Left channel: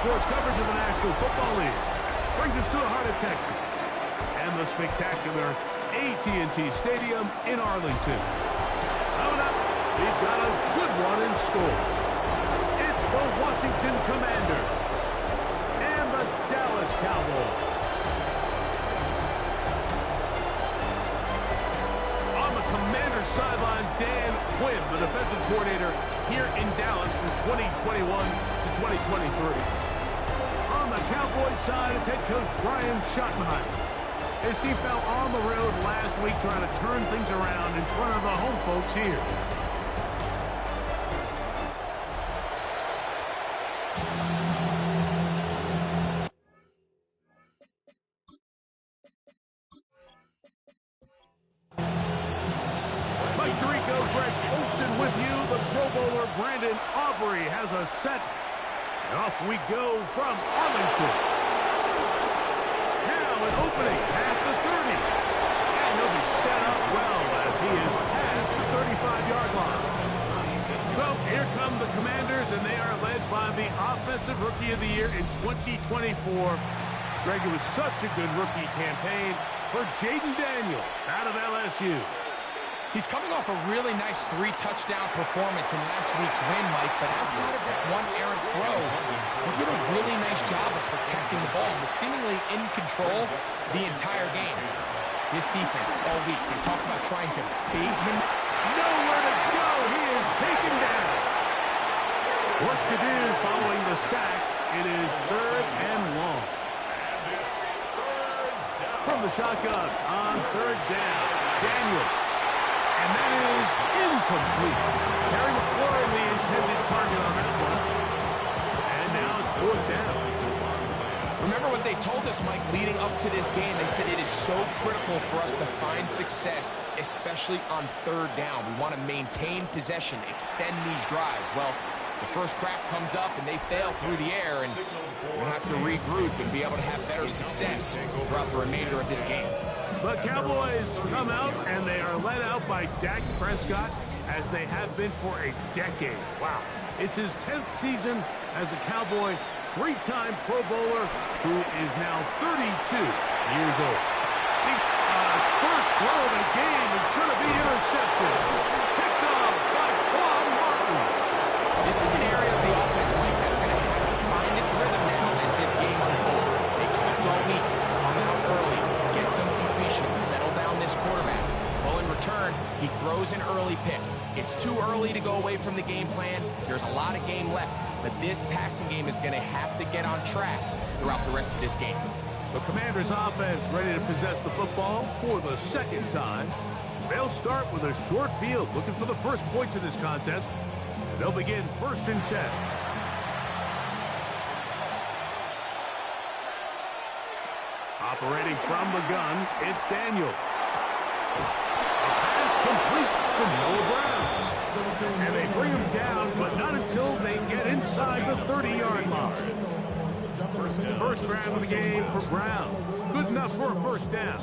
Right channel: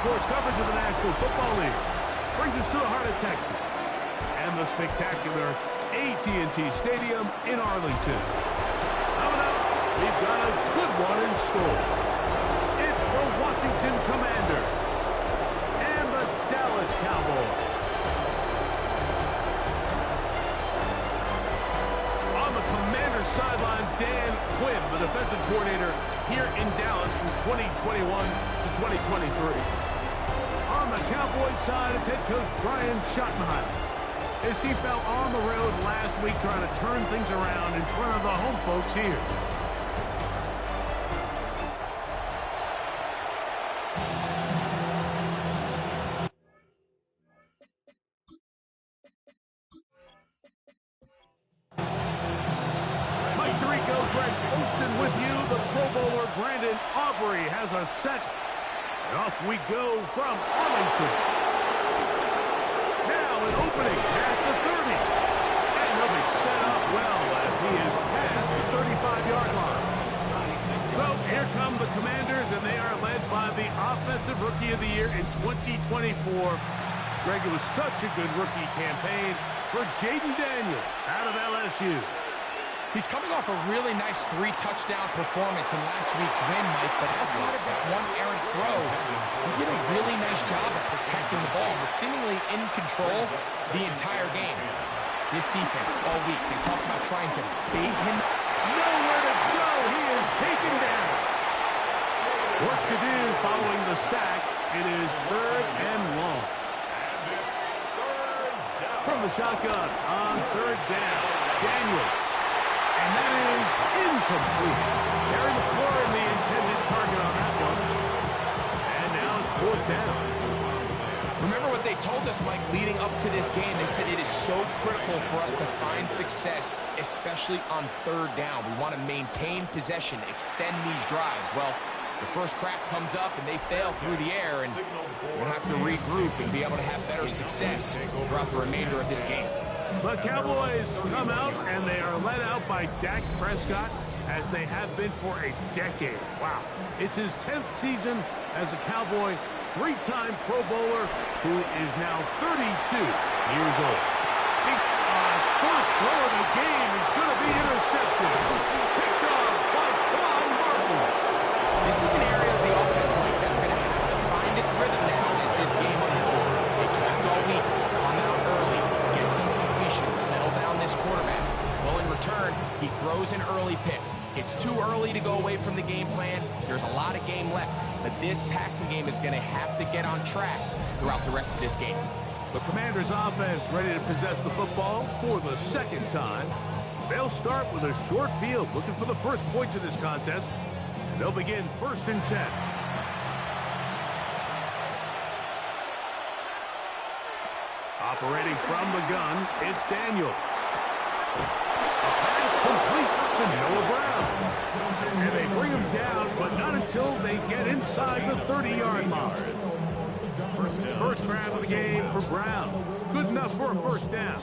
sports coverage of the National Football League brings us to the heart of Texas and the spectacular AT&T Stadium in Arlington. Coming up, we've got a good one in store. It's the Washington Commanders and the Dallas Cowboys. On the Commanders sideline, Dan Quinn, the defensive coordinator here in Dallas from 2021 to 2023. On the Cowboys side, it's head coach Brian Schottenheimer. His team fell on the road last week trying to turn things around in front of the home folks here. Mike Tirico, Greg Olsen with you. The Pro Bowler Brandon Aubrey has a set. And off we go from Arlington. Now an opening past the 30. And he'll be set up well as he is past the 35-yard line. So here come the Commanders, and they are led by the Offensive Rookie of the Year in 2024. Greg, it was such a good rookie campaign for Jaden Daniels out of LSU. He's coming off a really nice 3-touchdown performance in last week's win, Mike, but outside of that one errant throw, he did a really nice job of protecting the ball and was seemingly in control the entire game. This defense all week, they talked about trying to bait him. Nowhere to go. He is taken down. Work to do following the sack. It is 3rd and long. From the shotgun on 3rd down, Daniels. And that is incomplete. Terry McLaurin, the intended target on that one. And now it's 4th down. Remember what they told us, Mike, leading up to this game. They said it is so critical for us to find success, especially on 3rd down. We want to maintain possession, extend these drives. Well, the first crack comes up and they fail through the air, and we're going to have to regroup and be able to have better success throughout the remainder of this game. The Cowboys come out, and they are led out by Dak Prescott, as they have been for a decade. Wow. It's his 10th season as a Cowboy, 3-time Pro Bowler, who is now 32 years old. First throw of the game is going to be intercepted. Picked off by Quan Martin. This is an area of the offense, Mike, that's going to have to find its rhythm now as this game unfolds. They talked all week, come out early, get some completions, settle down this quarterback. Well, in return, he throws an early pick. It's too early to go away from the game plan. There's a lot of game left, but this passing game is going to have to get on track throughout the rest of this game. The Commanders' offense ready to possess the football for the 2nd time. They'll start with a short field, looking for the first points of this contest, and they'll begin 1st and 10. Operating from the gun, it's Daniels. A pass complete to Noah Brown. And they bring him down, but not until they get inside the 30-yard mark. First grab of the game for Brown. Good enough for a 1st down.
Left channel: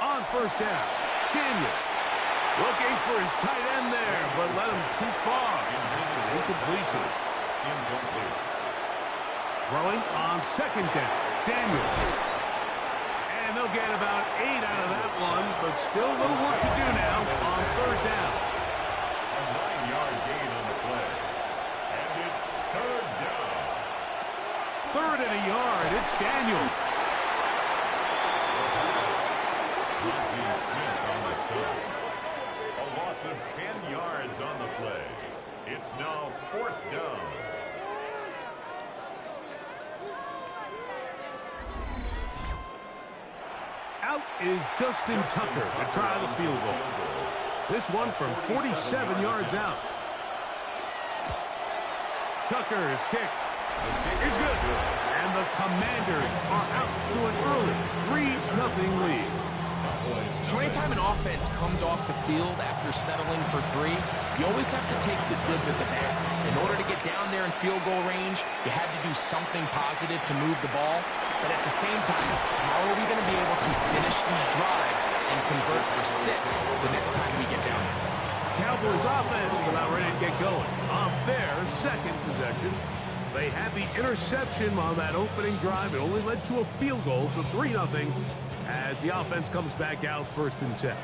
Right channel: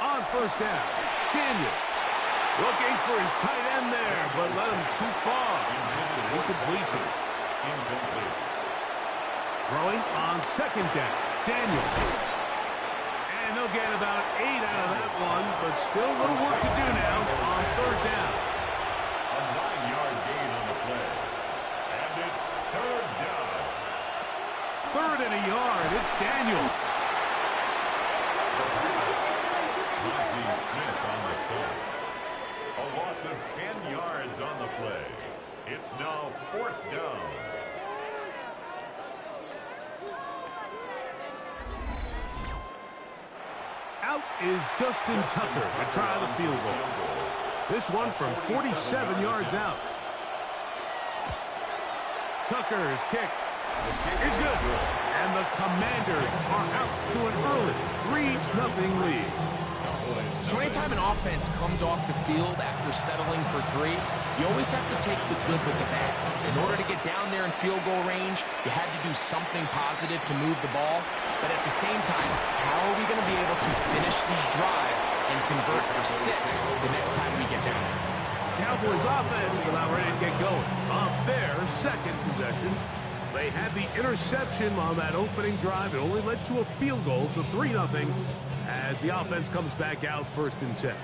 On 1st down, Daniels. Looking for his tight end there, but led him too far. It's an incompletion. Throwing on 2nd down, Daniels. And they'll get about 8 out of that one, but still a little work to do now on 3rd down. A 9-yard gain on the play. And it's 3rd down. 3rd and a yard, it's Daniels. The pass. Mozzie Smith on the stop. A loss of 10 yards on the play. It's now 4th down. Out is Justin Tucker to try the field goal. This one from 47 yards out. Tucker's kick is good. And the Commanders are out to an early 3-0 lead. So anytime an offense comes off the field after settling for 3, you always have to take the good with the bad. In order to get down there in field goal range, you had to do something positive to move the ball. But at the same time, how are we going to be able to finish these drives and convert for 6 the next time we get down there? Cowboys offense about ready to get going. On their second possession, they had the interception on that opening drive. It only led to a field goal, so 3-0 as the offense comes back out 1st and 10.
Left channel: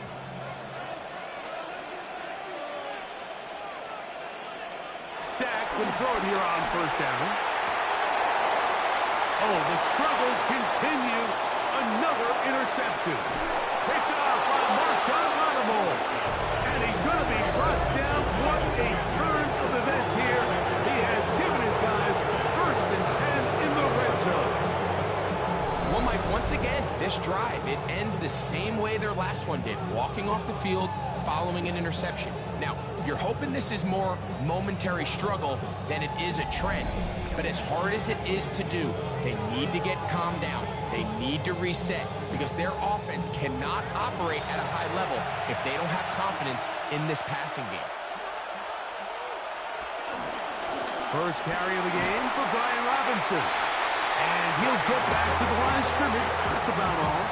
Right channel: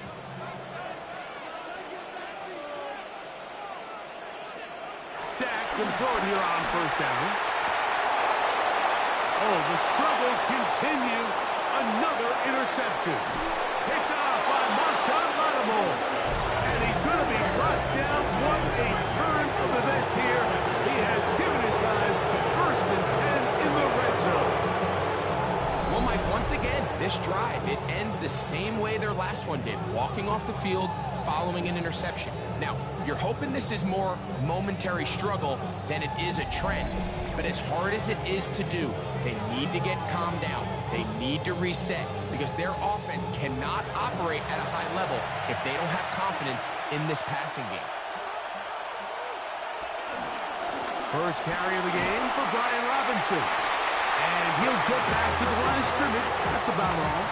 Dak can throw it here on 1st down. Oh, the struggles continue. Another interception. Picked off by Marshawn Lattimore. And he's going to be brought down. What a turn of events here. He has given his guys 1st and 10 in the red zone. Well, Mike, once again, this drive, it ends the same way their last one did. Walking off the field, following an interception. Now, you're hoping this is more momentary struggle than it is a trend. But as hard as it is to do, they need to get calmed down. They need to reset because their offense cannot operate at a high level if they don't have confidence in this passing game. First carry of the game for Brian Robinson. And he'll get back to the line of scrimmage. That's about all.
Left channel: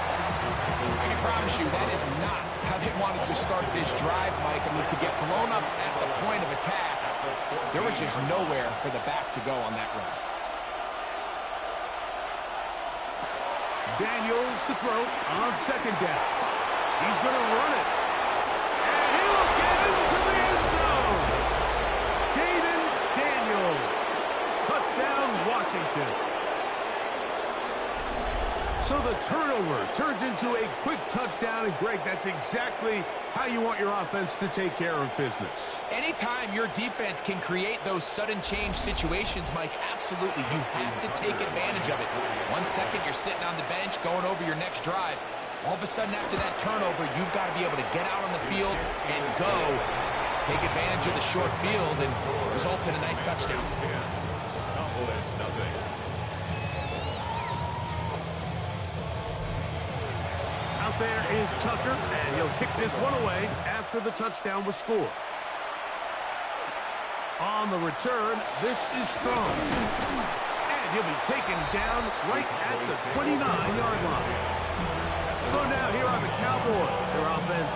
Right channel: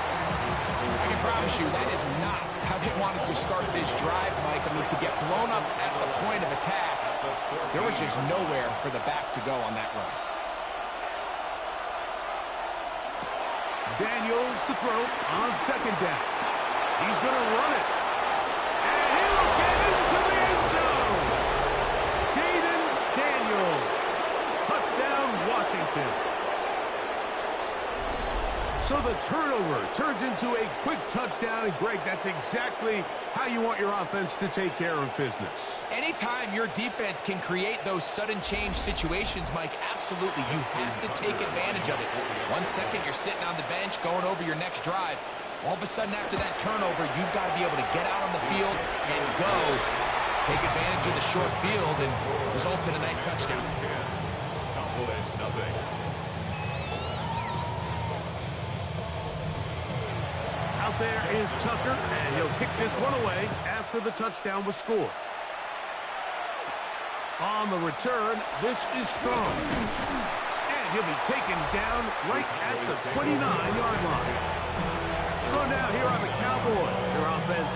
I can promise you that is not how they wanted to start this drive, Mike. I mean, to get blown up at the point of attack, there was just nowhere for the back to go on that run. Daniels to throw on 2nd down. He's going to run it. And he will get into the end zone. Jaden Daniels. Touchdown, Washington. So the turnover turns into a quick touchdown. And, Greg, that's exactly how you want your offense to take care of business. Anytime your defense can create those sudden change situations, Mike, absolutely, you have to take advantage of it. 1 second, you're sitting on the bench going over your next drive. All of a sudden, after that turnover, you've got to be able to get out on the field and go. Take advantage of the short field and results in a nice touchdown. Cowboys, nothing. Out there is Tucker, and he'll kick this one away after the touchdown was scored. On the return, this is Strong. And he'll be taken down right at the 29-yard line. So now here are the Cowboys. Their offense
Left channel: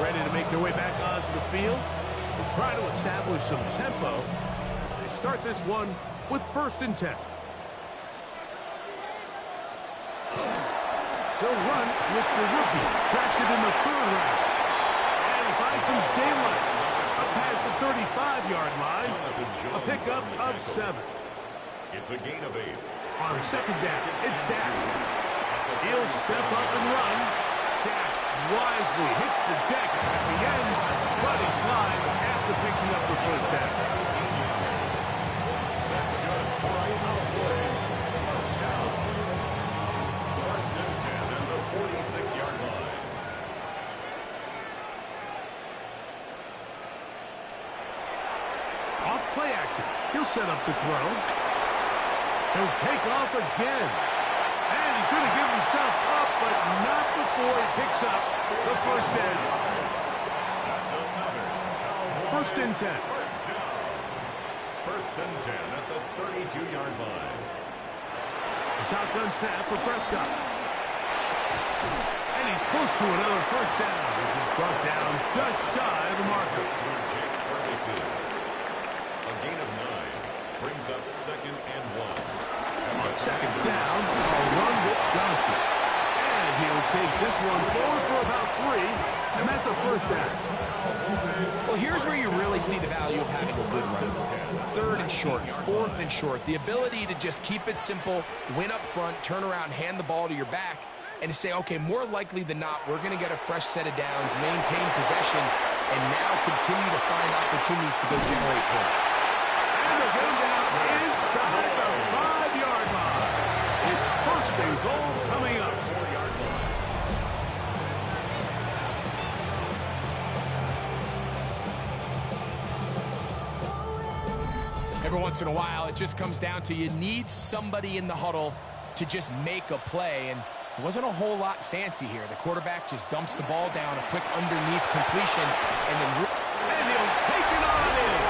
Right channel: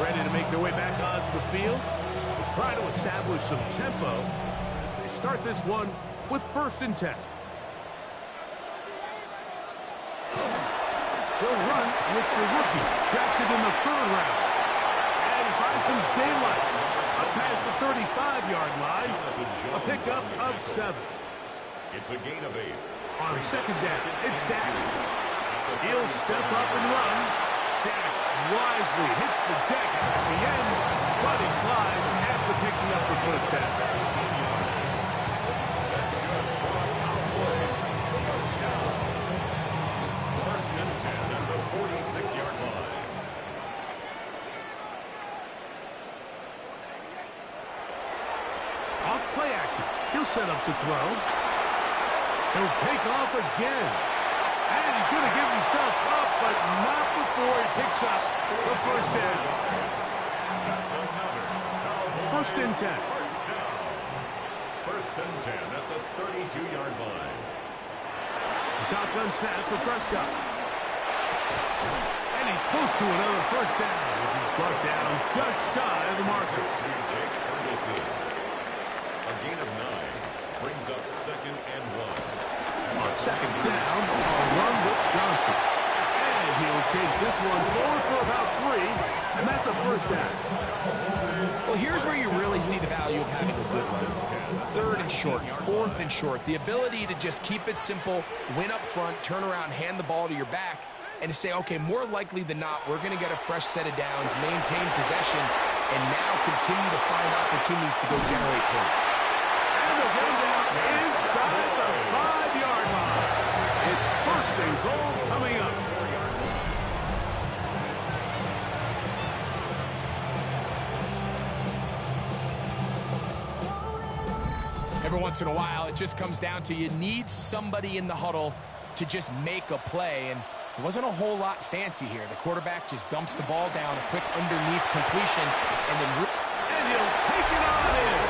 ready to make their way back onto the field. They'll try to establish some tempo as they start this one with 1st and 10. They'll run with the rookie, drafted in the 3rd round. And he finds some daylight up past the 35-yard line. A pickup of 7. It's a gain of 8. On 2nd down, it's Dak. He'll step up and run. Dak wisely hits the deck at the end, but he slides after picking up the 1st down. That's good for a Cowboys 1st down. 1st and 10 at the 46-yard line. Off play action. He'll set up to throw. He'll take off again. And he's going to give himself up, but not before he picks up the 1st down. That's another Cowboys 1st and 10. 1st down. 1st and 10 at the 32-yard line. Shotgun snap for Prescott. And he's close to another 1st down as he's brought down just shy of the marker. To Jake Ferguson. A gain of 9 brings up 2nd and 1. On 2nd down, a run with Johnson. And he'll take this one forward for about 3, and that's a 1st down. Well, here's where you really see the value of having a good run. 3rd and short, 4th and short. The ability to just keep it simple, win up front, turn around, hand the ball to your back, and to say, okay, more likely than not, we're going to get a fresh set of downs, maintain possession, and now continue to find opportunities to go generate points. And they'll get him down inside the 5-yard line. It's 1st and goal coming up. 4-yard line. Every once in a while, it just comes down to you need somebody in the huddle to just make a play, and it wasn't a whole lot fancy here. The quarterback just dumps the ball down, a quick underneath completion, and then... And he'll take it on in.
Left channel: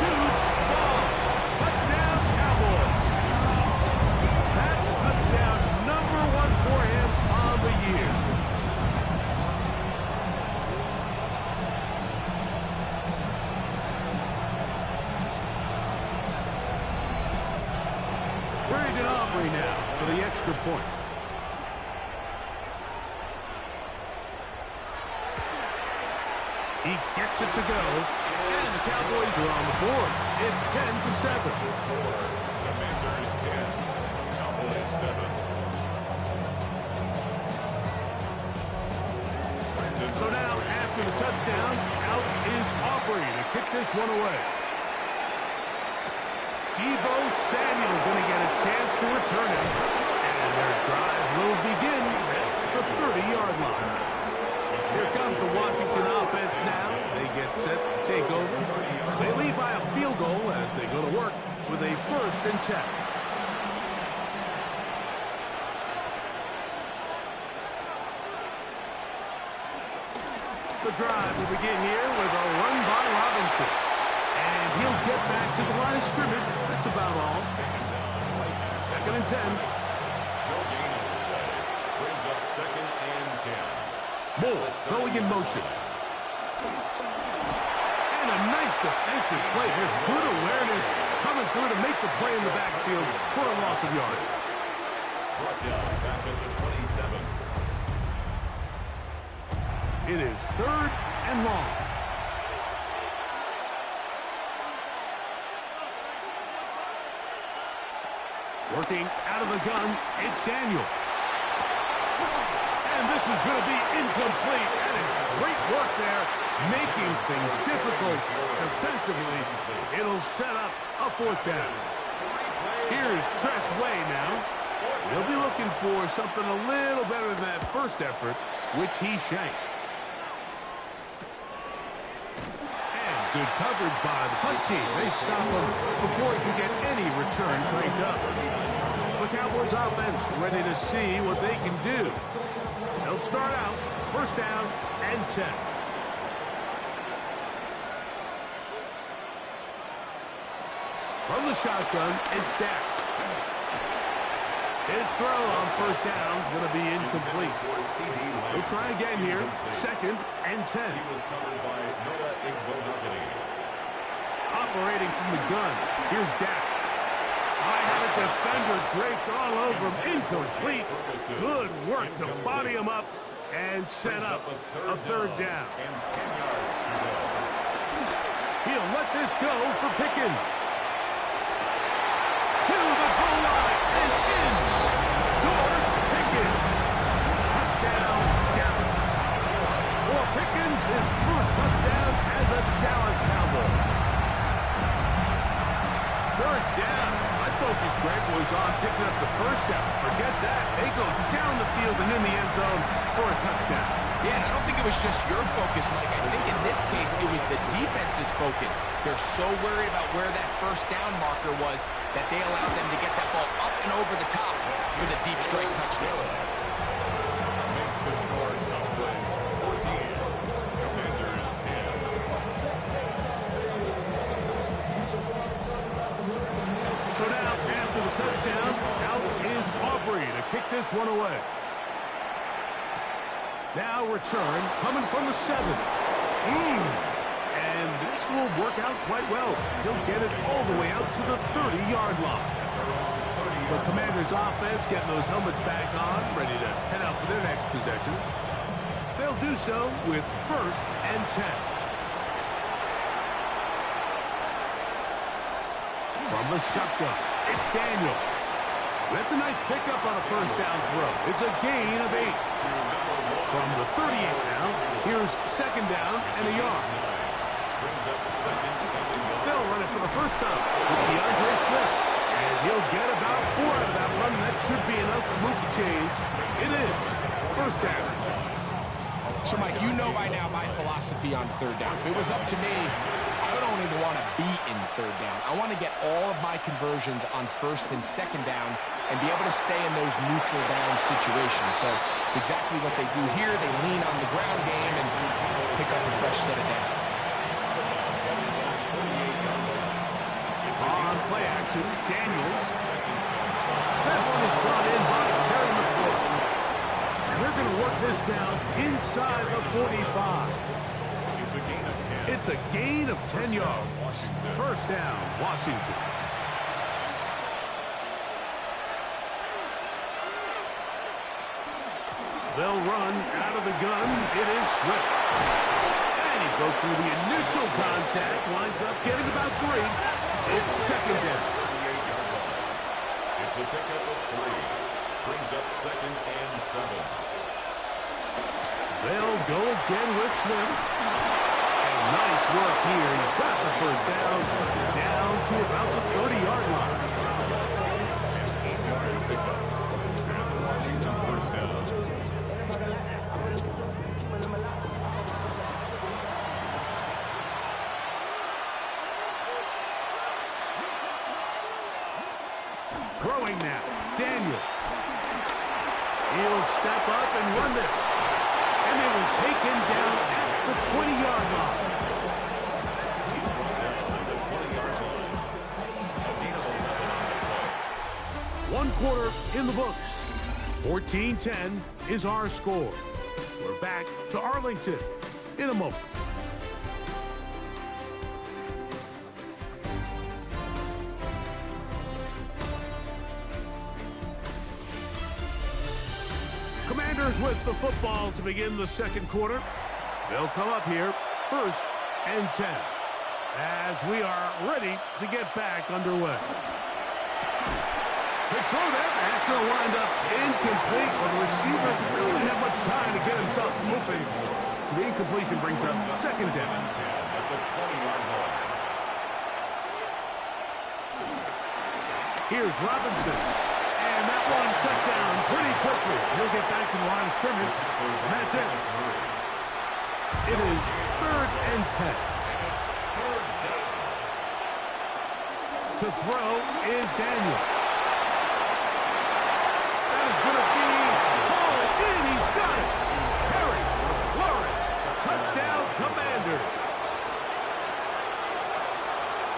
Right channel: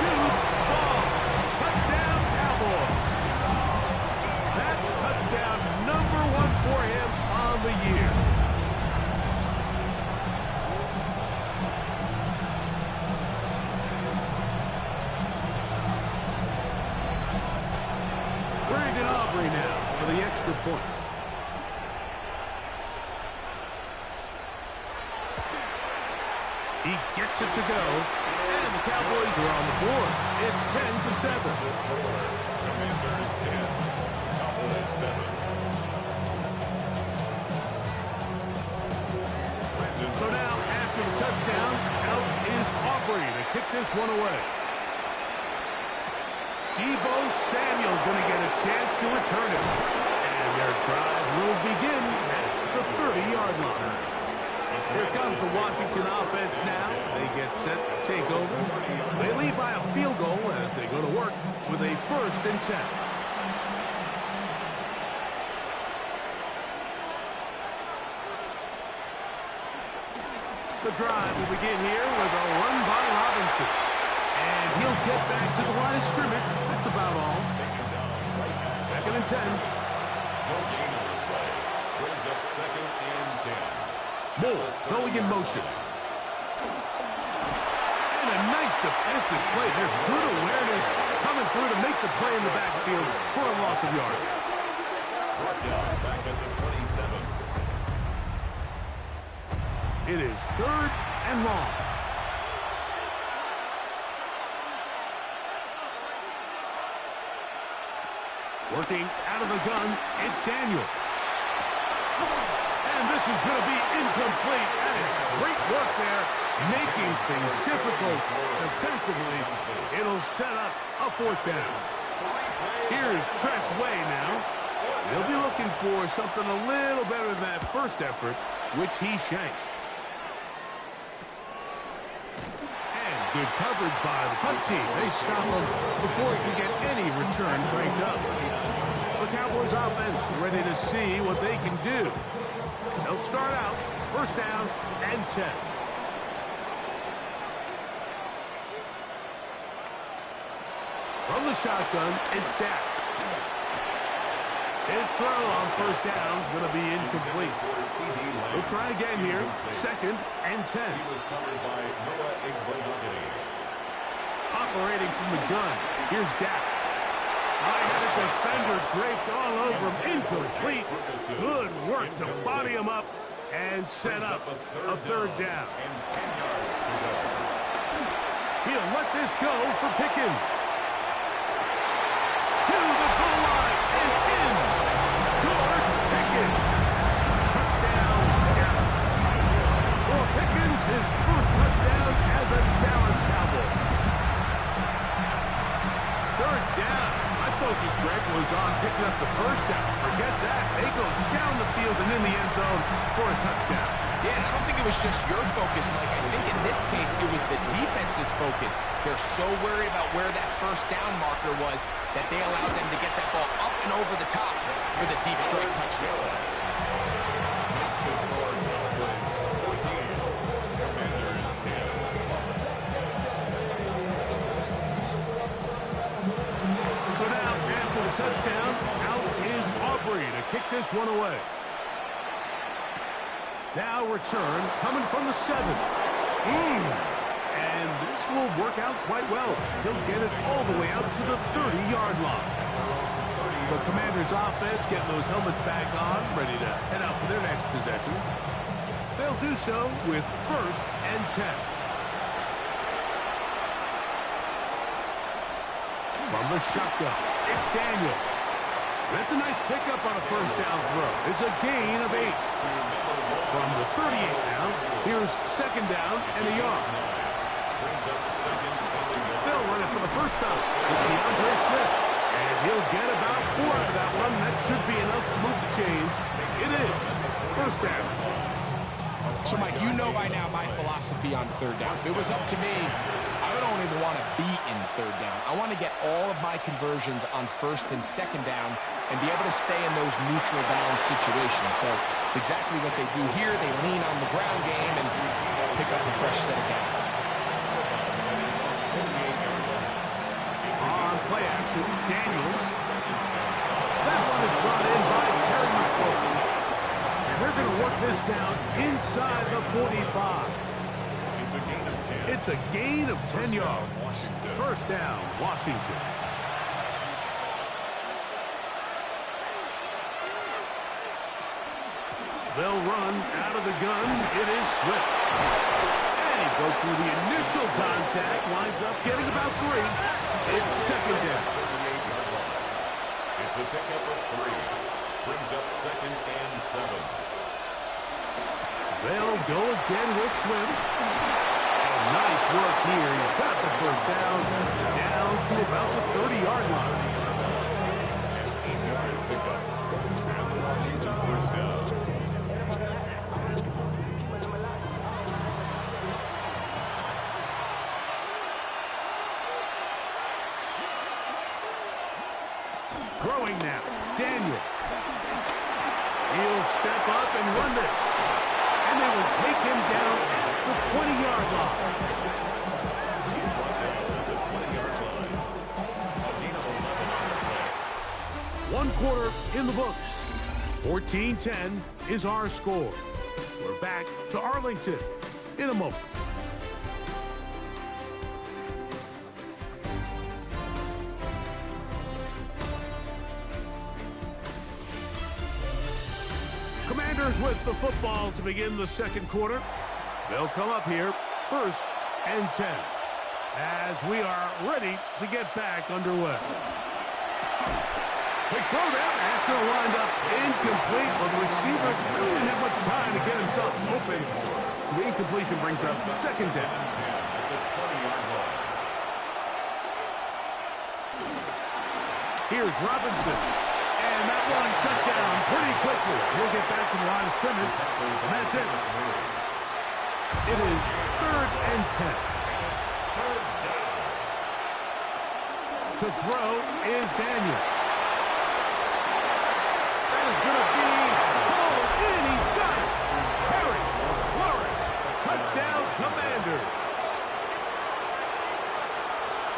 Deuce ball. Touchdown, Cowboys. That touchdown Brandon Aubrey now for the extra point. He gets it to go, and the Cowboys are on the board. It's 10-7. The score, Commanders 10, Cowboys 7. So now, after the touchdown, out is Aubrey to kick this one away. Deebo Samuel going to get a chance to return it. And their drive will begin at the 30-yard line. Here comes the Washington offense now. They get set to take over. They lead by a field goal as they go to work with a 1st and 10. The drive will begin here with a run by Robinson. And he'll get back to the line of scrimmage. That's about all. 2nd and 10. No gain on the play. Brings up 2nd and 10. Moore going in motion. And a nice defensive play there. Good awareness coming through to make the play in the backfield for a loss of yardage. Brought down back at the 27. It is 3rd and long. Working out of the gun, it's Daniel. And this is going to be incomplete. That is great work there, making things difficult defensively. It'll set up a 4th down. Here's Tress Way now. He'll be looking for something a little better than that first effort, which he shanked. Good coverage by the punt team. They stop him before he can get any return cranked up. The Cowboys offense ready to see what they can do. They'll start out 1st down and 10. From the shotgun, it's Dak. His throw on 1st down is going to be incomplete. He'll try again here. 2nd and 10. He was covered by Noah Igbenogany. Operating from the gun. Here's Dak. I had a defender draped all over him. Incomplete. Good work to body him up and set up a 3rd down. And 10 yards to go. He'll let this go for Pickens. To the goal line and in. George Pickens. Touchdown, Dallas. For Pickens, his 1st touchdown as a Dallas Cowboy. 3rd down. My focus, Greg, was on picking up the 1st down. Forget that. They go down the field and in the end zone for a touchdown. Yeah, and I don't think it was just your focus, Mike. I think in this case, it was the defense's focus. They're so worried about where that 1st down marker was that they allowed them to get that ball up and over the top for the deep strike touchdown. Makes the score Cowboys 14, Commanders 10. So now, after the touchdown, out is Aubrey to kick this one away. Now return coming from the 7. And this will work out quite well. He'll get it all the way out to the 30-yard line. The Commanders' offense getting those helmets back on, ready to head out for their next possession. They'll do so with 1st and 10. From the shotgun, it's Daniel. That's a nice pickup on a 1st down throw. It's a gain of 8. From the 38 now, here's 2nd down and a yard. They'll run it for the 1st time with DeAndre Smith. And he'll get about 4 out of that one. That should be enough to move the chains. It is 1st down. So, Mike, you know by now my philosophy on 3rd down. If it was up to me, I don't even want to be in 3rd down. I want to get all of my conversions on 1st and 2nd down and be able to stay in those neutral down situations. So it's exactly what they do here. They lean on the ground game and pick up a fresh set of downs. On play action, Daniels. That one is brought in by Terry McLaurin. And they're going to work this down inside the 45. It's a gain of 10. It's a gain of 10 yards. 1st down, Washington. They'll run out of the gun. It is Swift. And he broke through the initial contact. Winds up getting about 3. It's second down. 38-yard line. It's a pickup of 3. Brings up second and 7. They'll go again with Swift. And nice work here. He's got the first down to about the 30-yard line. An 8-yard pickup. And the Washington first down. Throwing now. Daniel. He'll step up and run this. And they will take him down at the 20-yard line. He's brought down at the 20-yard line. A gain of 11 on the play. 1 quarter in the books. 14-10 is our score. We're back to Arlington in a moment. Commanders with the football to begin the second quarter. They'll come up here, 1st and 10, as we are ready to get back underway. Big throw there. That's going to wind up incomplete. Well, the receiver really didn't have much time to get himself open. So the incompletion brings up second down. At the 20-yard line. Here's Robinson. And that one shut down pretty quickly. He'll get back to the line of scrimmage. And that's it. It is 3rd and 10. And it's 3rd down. To throw is Daniels. That is going to be hauled in. He's got it. Perry, Flurry, touchdown Commanders.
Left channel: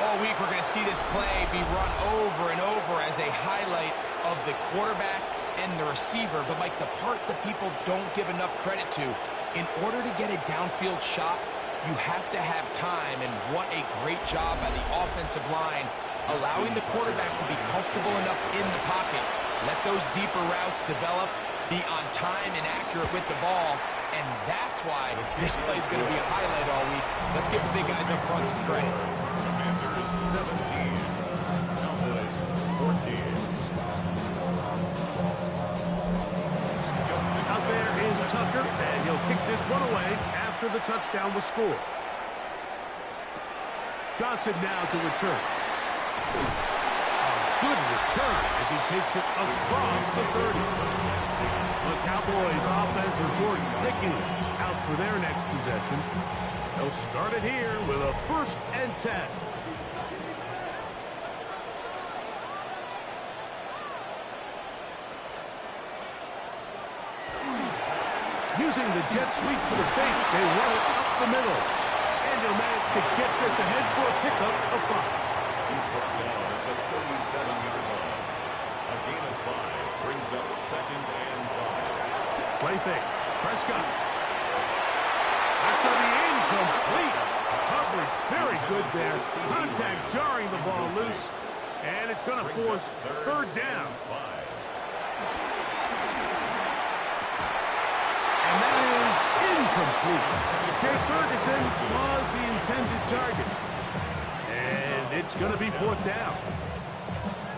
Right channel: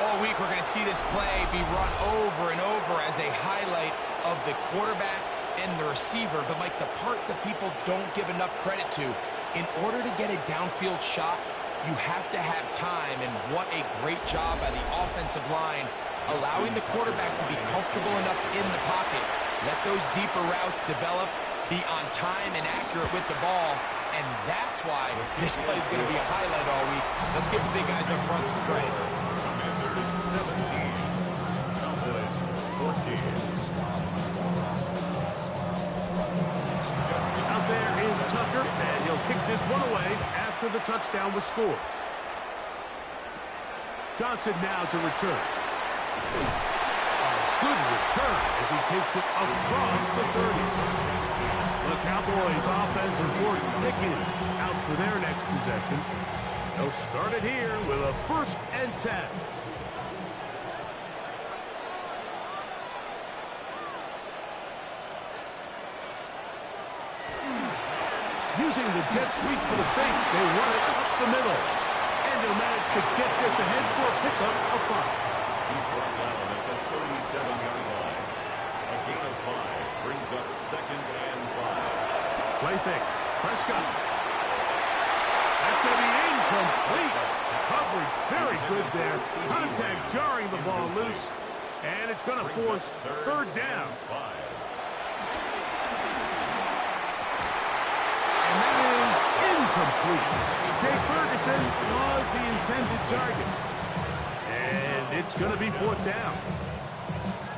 All week we're going to see this play be run over and over as a highlight of the quarterback and the receiver. But, Mike, the part that people don't give enough credit to, in order to get a downfield shot, you have to have time. And what a great job by the offensive line, allowing the quarterback to be comfortable enough in the pocket. Let those deeper routes develop, be on time and accurate with the ball. And that's why this play is going to be a highlight all week. Let's give the big guys up front some credit. Commanders 17. Cowboys 14. Out there is Tucker, and he'll kick this one away after the touchdown was scored. Johnson now to return. A good return as he takes it across the 30. The Cowboys offense and George Pickens out for their next possession. They'll start it here with a 1st and 10. Using the jet sweep for the fake, they run it up the middle. And he'll manage to get this ahead for a pickup of 5. He's brought down at the 37-yard line. A gain of 5 brings up 2nd and 5. Play fake. Prescott. That's going to be incomplete. Coverage very good there. Contact jarring the ball loose. And it's going to force 3rd down. 5. And that is incomplete. Jake Ferguson was the intended target. And it's going to be 4th down.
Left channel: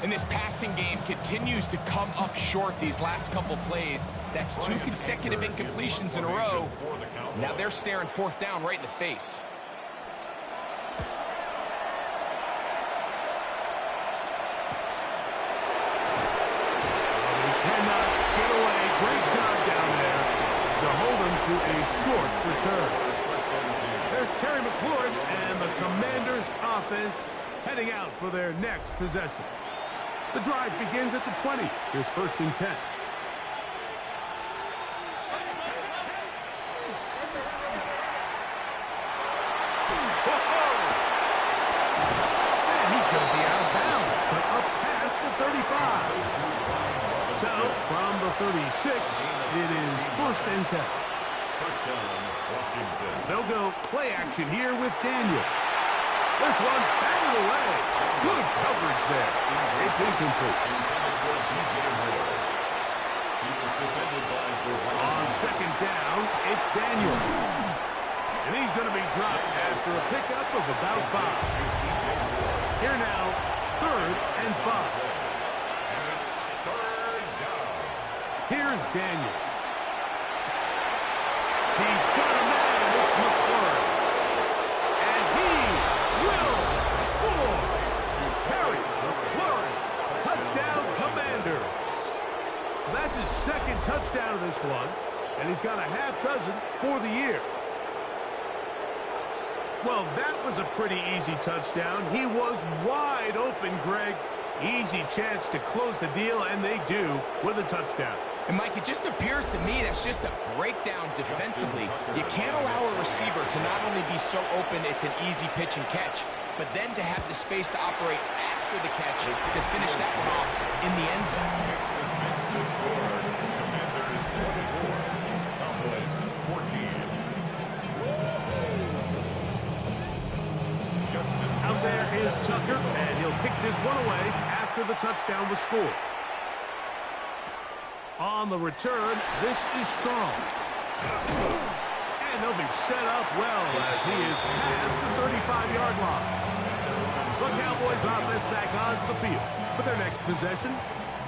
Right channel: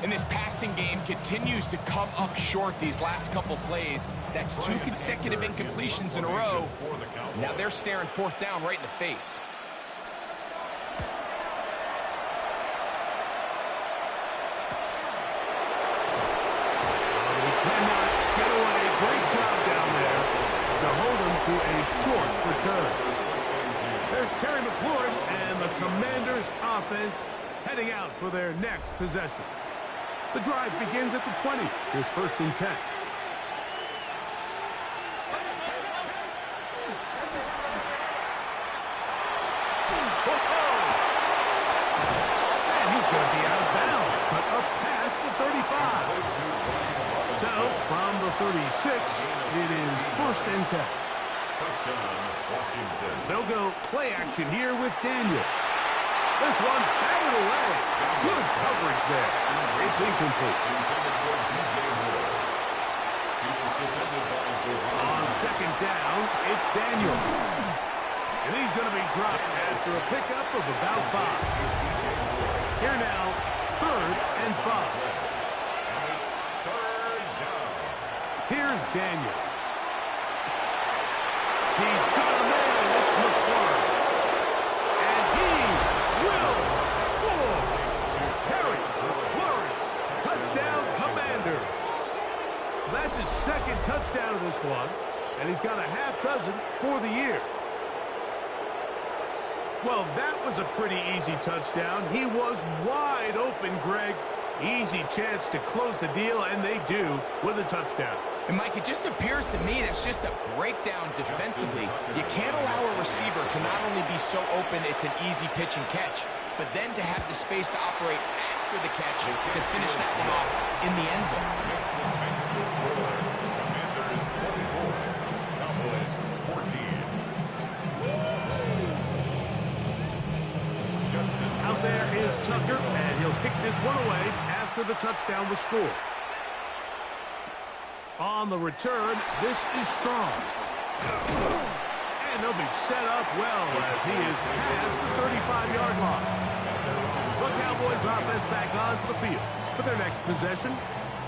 And this passing game continues to come up short these last couple plays. That's 2 consecutive incompletions in a row. Now they're staring 4th down right in the face. He cannot get away. Great job down there to hold him to a short return. There's Terry McLaurin and the Commanders offense heading out for their next possession. The drive begins at the 20. Here's 1st and 10. Whoa! And he's going to be out of bounds, but up past the 35. So, from the 36, it is 1st and 10. First down, Washington. They'll go play action here with Daniels. This one batted away. Good coverage there. It's incomplete. Intended for DJ Moore. He was defended by the On second down, it's Daniel. And he's going to be dropped after a pickup of about 5. Here now, 3rd and 5. And it's 3rd down. Here's Daniels. He's got a man. It's McLaurin. And he will score. Terry McLaurin. Touchdown, Commanders. So that's his 2nd touchdown of this one. And he's got a half dozen for the year. Well, that was a pretty easy touchdown. He was wide open, Greg. Easy chance to close the deal, and they do with a touchdown. And, Mike, it just appears to me that's just a breakdown defensively. You can't allow a receiver to not only be so open it's an easy pitch and catch, but then to have the space to operate after the catch to finish that one off in the end zone. Makes the score. Commanders 24. Cowboys 14. Out there is Tucker, and he'll kick this one away after the touchdown was scored. On the return, this is Strong. And they'll be set up well as he is past the 35-yard line. The Cowboys offense back onto the field for their next possession.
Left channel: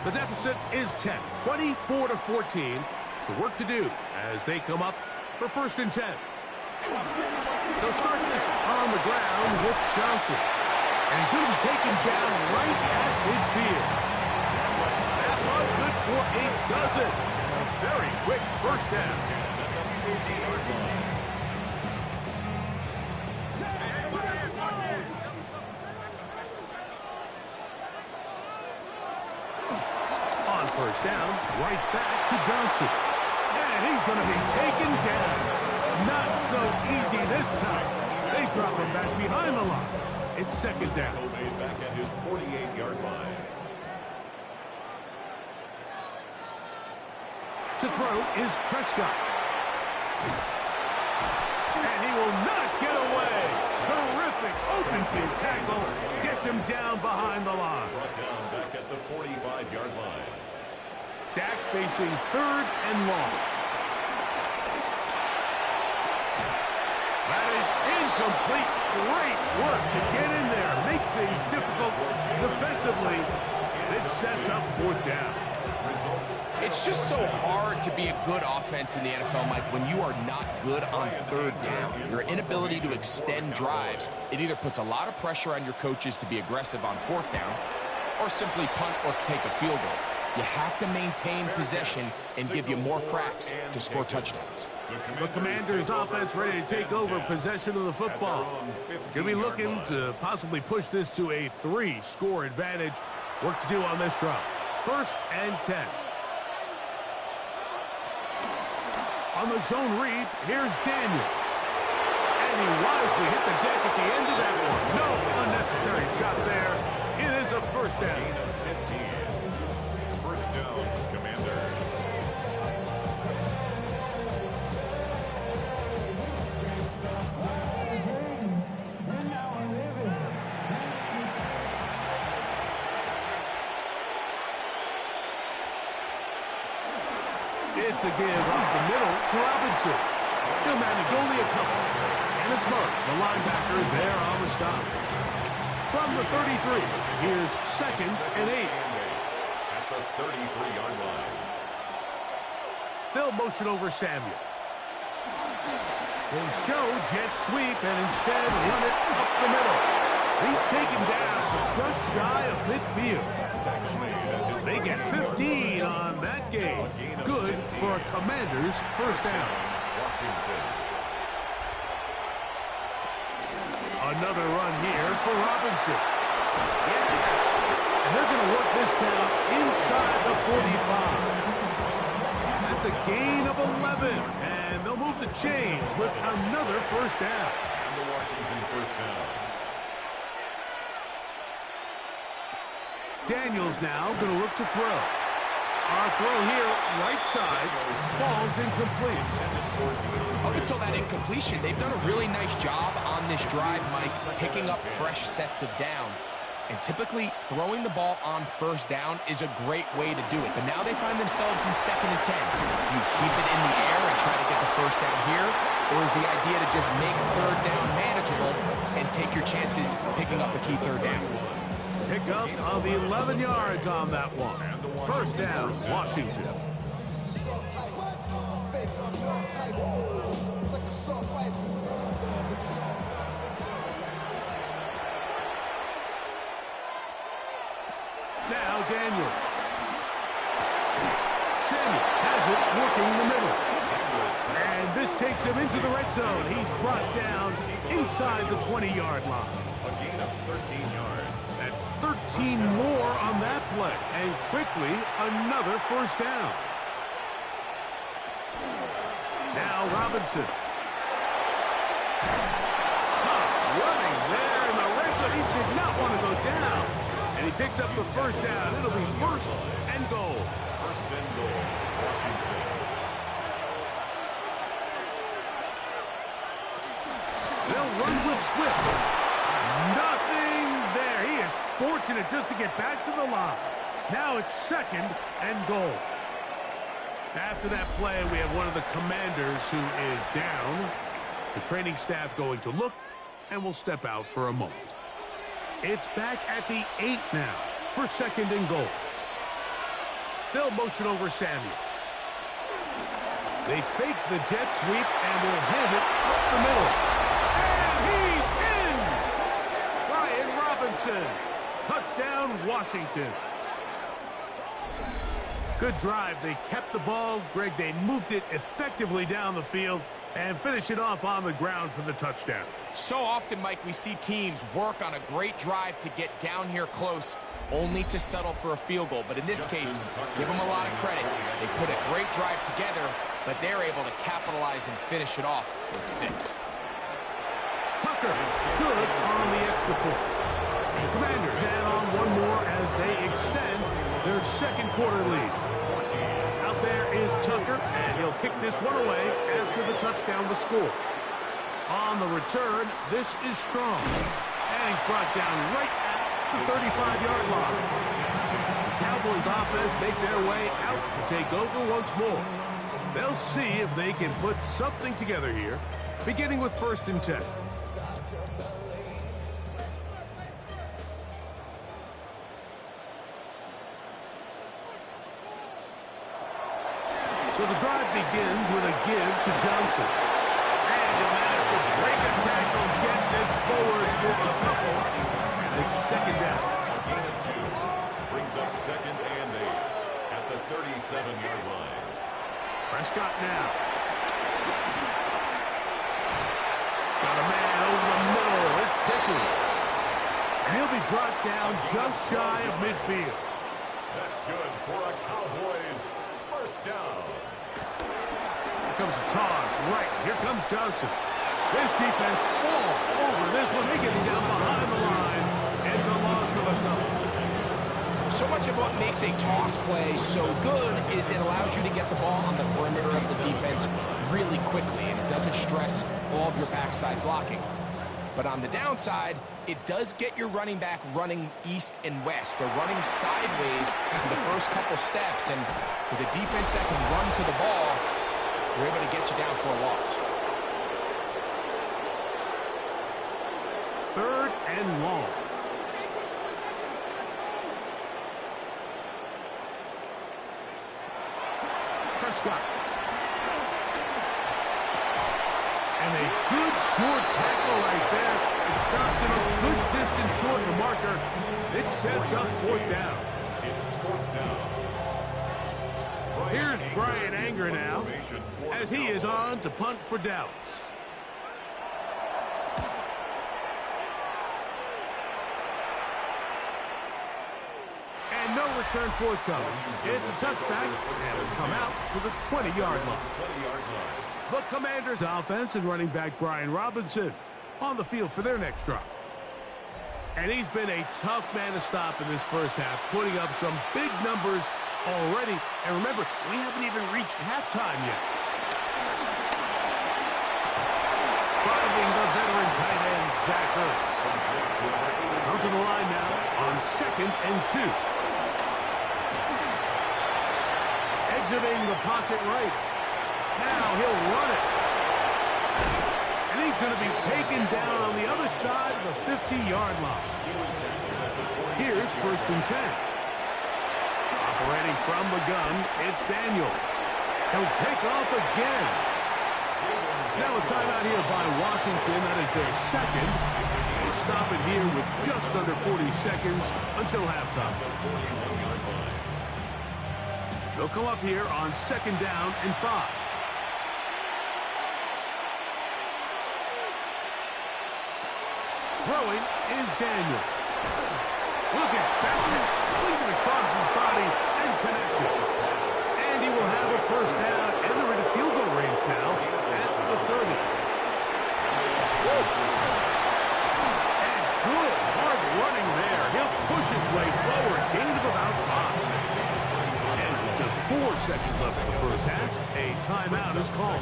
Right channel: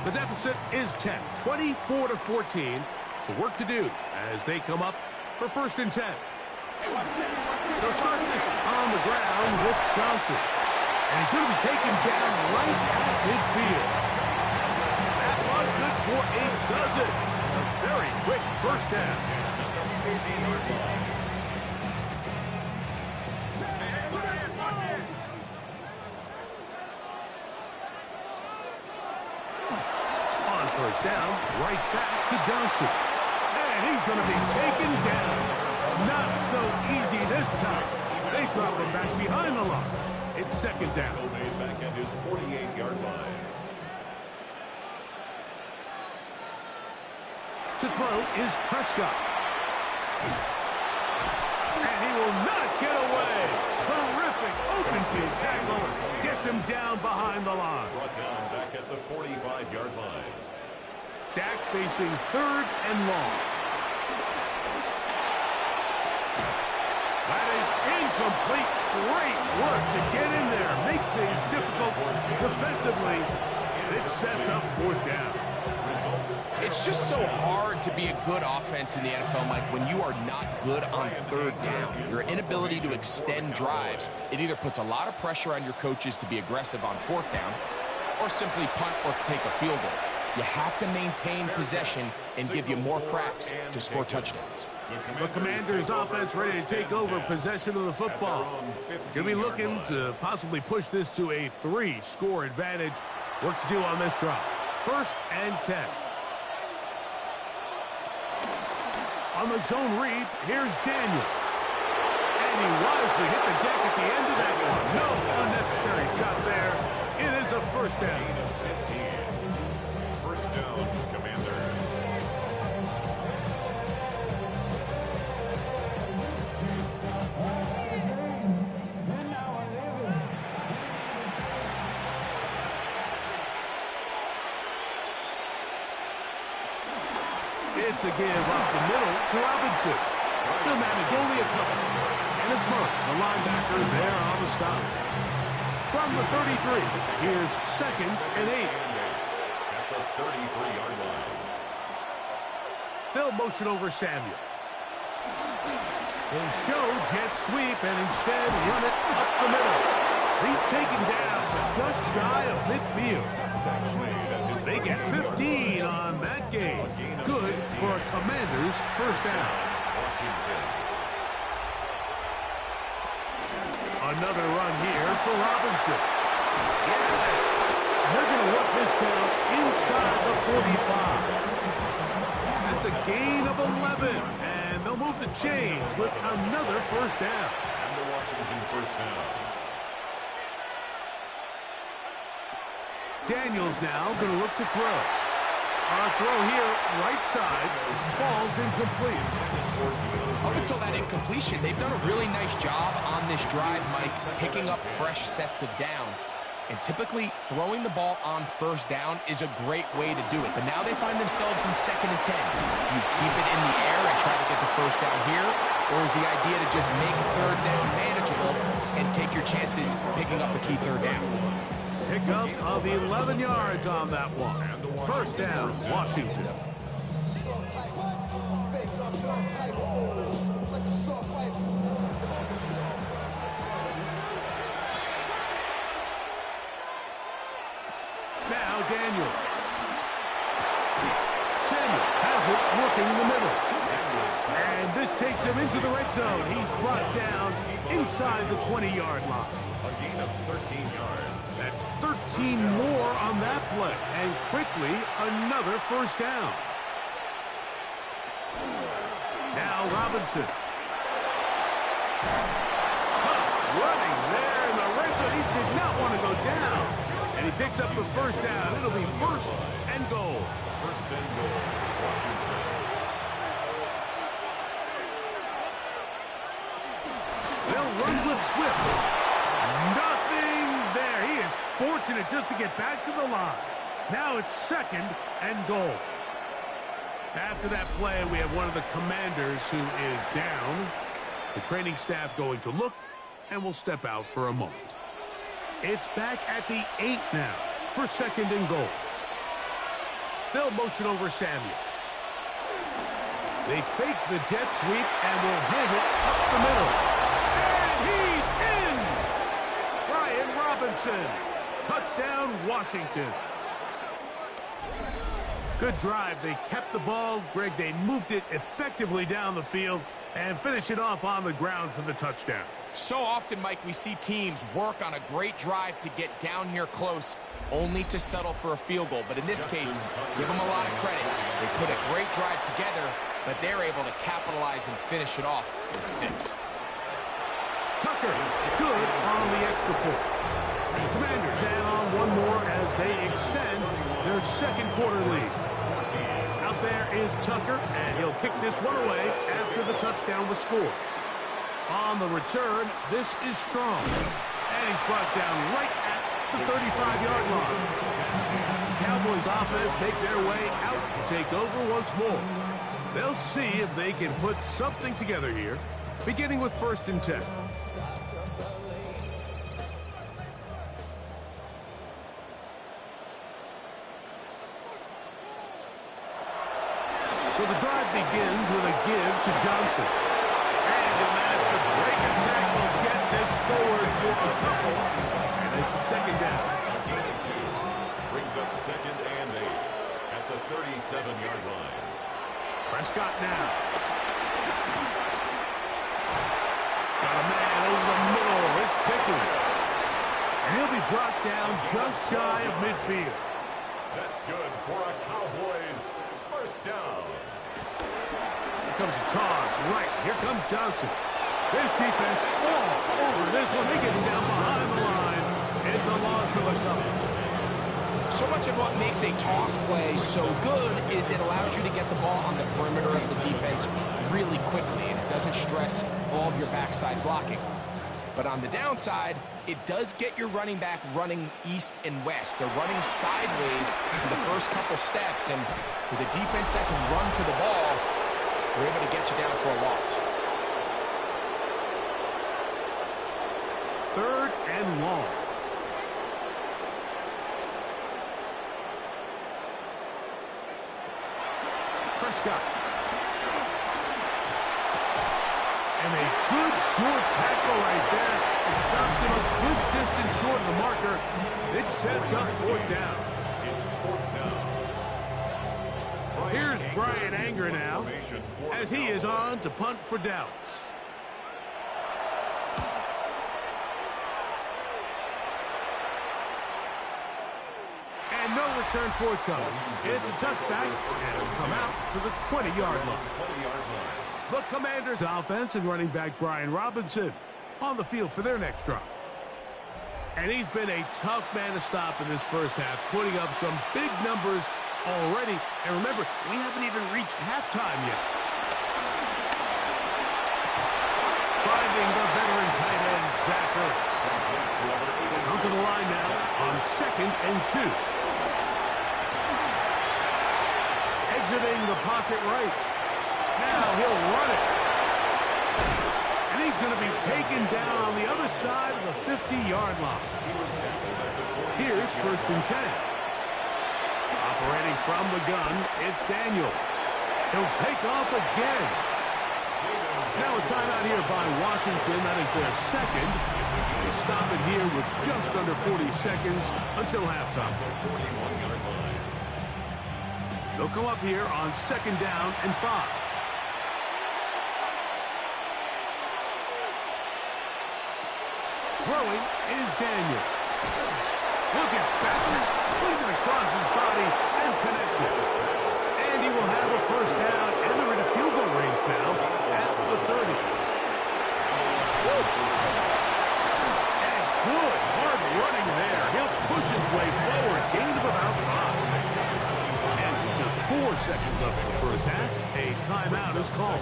The deficit is 10, 24-14. So work to do as they come up for 1st and 10. They'll start this on the ground with Johnson. And he's going to be taken down right at midfield. That one good for a dozen. And a very quick 1st down. On 1st down, right back to Johnson. And he's going to be taken down. Not so easy this time. They drop him back behind the line. It's 2nd down. Made back at his 48-yard line. To throw is Prescott. And he will not get away. Terrific open field tackle. Gets him down behind the line. Brought down back at the 45-yard line. Dak facing 3rd and long. That is incomplete. Great work to get in there. Make things difficult defensively. It sets up 4th down. It's just so hard to be a good offense in the NFL, Mike, when you are not good on 3rd down. Your inability to extend drives, it either puts a lot of pressure on your coaches to be aggressive on 4th down or simply punt or take a field goal. You have to maintain possession and give you more cracks to score touchdowns. The Commanders' offense ready to take over possession of the football. Going to be looking to possibly push this to a 3-score advantage. Work to do on this drive. 1st and 10. On the zone read, here's Daniels. And he wisely hit the deck at the end of that one. No unnecessary shot there. It is a 1st down. 15. 1st down, Commanders. It's a give up the middle to Robinson. He'll manage only a couple. And it's Mark, the linebacker, there on the stop. From the 33, here's 2nd and 8. At the 33-yard line. They'll motion over Samuel. They show jet sweep and instead run it up the middle. He's taken down to just shy of midfield. They get 15 on that game. Good for a Commanders' 1st down. Washington. Another run here for Robinson. Yeah. And they're going to work this down inside the 45. That's a gain of 11. And they'll move the chains with another 1st down. And the Washington 1st down. Daniels now going to look to throw. Our throw here, right side, falls incomplete. Up until that incompletion, they've done a really nice job on this drive, Mike, picking up fresh sets of downs. And typically, throwing the ball on first down is a great way to do it. But now they find themselves in 2nd and 10. Do you keep it in the air and try to get the first down here? Or is the idea to just make 3rd down manageable and take your chances picking up a key 3rd down? Pickup of 11 yards on that one. First down, Washington. Now Daniels. Samuel has it working in the middle. And this takes him into the red zone. He's brought down inside the 20-yard line. A gain of 13 yards. That's 13 more on that play. And quickly, another first down. Now Robinson. Tough running there in the red zone. He did not want to go down. And he picks up the first down. It'll be 1st and goal. 1st and goal, Washington. They'll run with Swift. Nothing there. He is fortunate just to get back to the line. Now it's 2nd and goal. After that play, we have one of the commanders who is down. The training staff going to look and will step out for a moment. It's back at the 8 now for 2nd and goal. They'll motion over Samuel. They fake the jet sweep and will hand it up the middle. And he's in! Brian Robinson. Touchdown, Washington. Good drive. They kept the ball. Greg, they moved it effectively down the field and finish it off on the ground for the touchdown. So often, Mike, we see teams work on a great drive to get down here close, only to settle for a field goal. But in this case, give them a lot of credit. They put a great drive together, but they're able to capitalize and finish it off with 6. Tucker is good on the extra point. The Commanders add on one more as they extend their 2nd quarter lead. Out there is Tucker, and he'll kick this one away after the touchdown was scored. On the return, this is Strong. And he's brought down right at the 35-yard line. Cowboys offense make their way out to take over once more. They'll see if they can put something together here, beginning with 1st and 10. So the drive begins with a give to Johnson. And he'll manage to break a tackle, get this forward for a couple. And it's 2nd down. A gain of 2. Brings up 2nd and 8 at the 37-yard line. Prescott now. Got a man over the middle. It's Pickens. And he'll be brought down just shy of midfield. That's good for a Cowboys 1st down. Here comes a toss. Right. Here comes Johnson. This defense all over this one. They get him down behind the line. It's a loss of a couple. So much of what makes a toss play so good is it allows you to get the ball on the perimeter of the defense really quickly, and it doesn't stress all of your backside blocking. But on the downside, it does get your running back running east and west. They're running sideways for the first couple steps, and with a defense that can run to the ball, we're able to get you down for a loss. 3rd and long. Prescott. And a good short tackle right there. It stops him a good distance short of the marker. It sets up 4th down. It's 4th down. Here's Brian Anger now as he is on to punt for Dallas. And no return forthcoming. It's a touchback, and will come out to the 20-yard line. The Commanders' offense and running back Brian Robinson on the field for their next drive. And he's been a tough man to stop in this first half, putting up some big numbers already. And remember, we haven't even reached halftime yet. finding the veteran tight end, Zach Ertz. Come to the line now on 2nd and 2. Exiting the pocket right. Now he'll run it. And he's going to be taken down on the other side of the 50-yard line. Here's 1st and 10. Operating from the gun, it's Daniels. He'll take off again. Now a timeout here by Washington. That is their second. They stop it here with just under 40 seconds until halftime. They'll come up here on 2nd down and 5. Throwing is Daniel. Look at that. Slinging it across his body and connected. And he will have a 1st down, and they're in a field goal range now at the 30. And good hard running there. He'll push his way forward. Gain of about 5. And with just 4 seconds left in the 1st half, a timeout is called.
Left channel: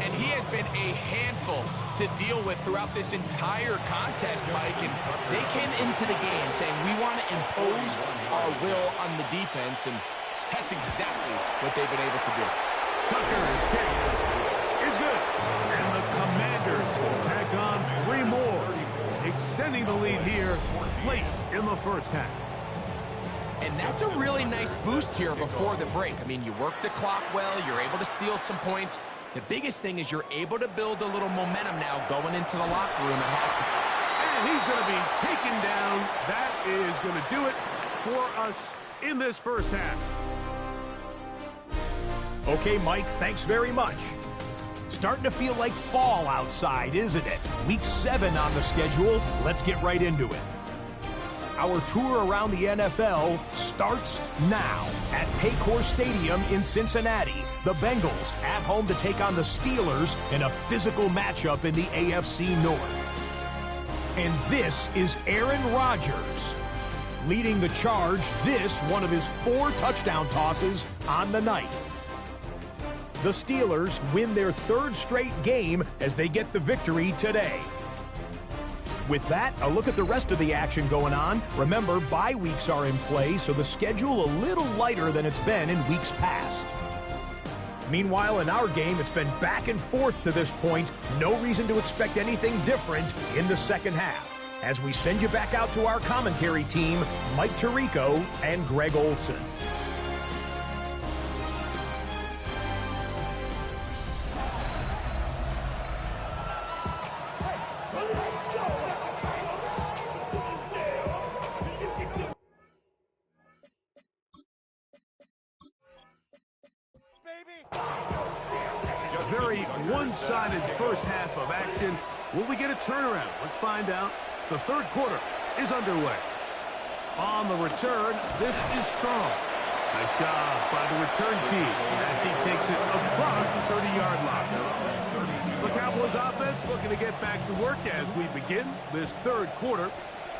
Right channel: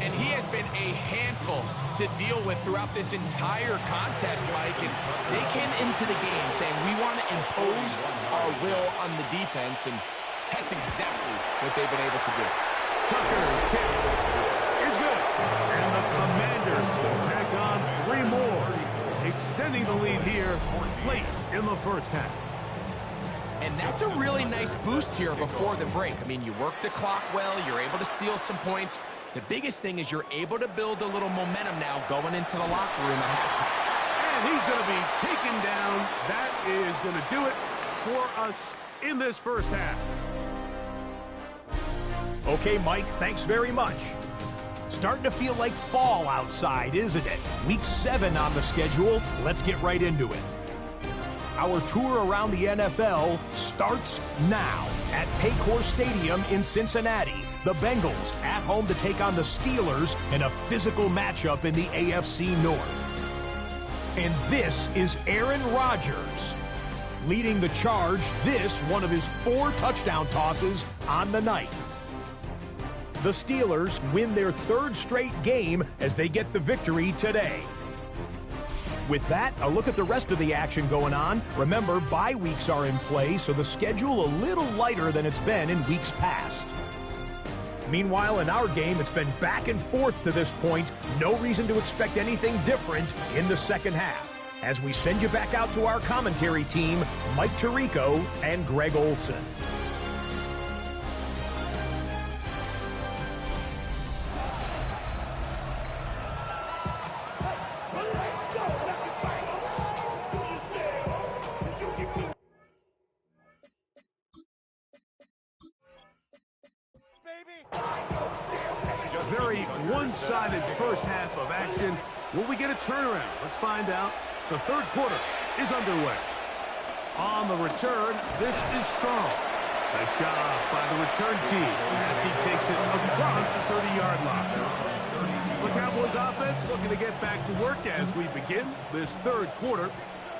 And he has been a handful to deal with throughout this entire contest, Mike. And they came into the game saying, we want to impose our will on the defense, and that's exactly what they've been able to do. Tucker's kick is good. And the Commanders will tack on 3 more, extending the lead here late in the 1st half. And that's a really nice boost here before the break. I mean, you work the clock well, you're able to steal some points. The biggest thing is you're able to build a little momentum now going into the locker room at halftime. And he's going to be taken down. That is going to do it for us in this 1st half. Okay, Mike, thanks very much. Starting to feel like fall outside, isn't it? Week 7 on the schedule. Let's get right into it. Our tour around the NFL starts now at Paycor Stadium in Cincinnati. The Bengals at home to take on the Steelers in a physical matchup in the AFC North. And this is Aaron Rodgers leading the charge. This one of his 4 touchdown tosses on the night. The Steelers win their 3rd straight game as they get the victory today. With that, a look at the rest of the action going on. Remember, bye weeks are in play, so the schedule a little lighter than it's been in weeks past. Meanwhile, in our game, it's been back and forth to this point. No reason to expect anything different in the 2nd half. As we send you back out to our commentary team, Mike Tirico and Greg Olson. Very one-sided 1st half of action. Will we get a turnaround? Let's find out. The 3rd quarter is underway. On the return, this is Strong. Nice job by the return team as he takes it across the 30-yard line. The Cowboys offense looking to get back to work as we begin this 3rd quarter.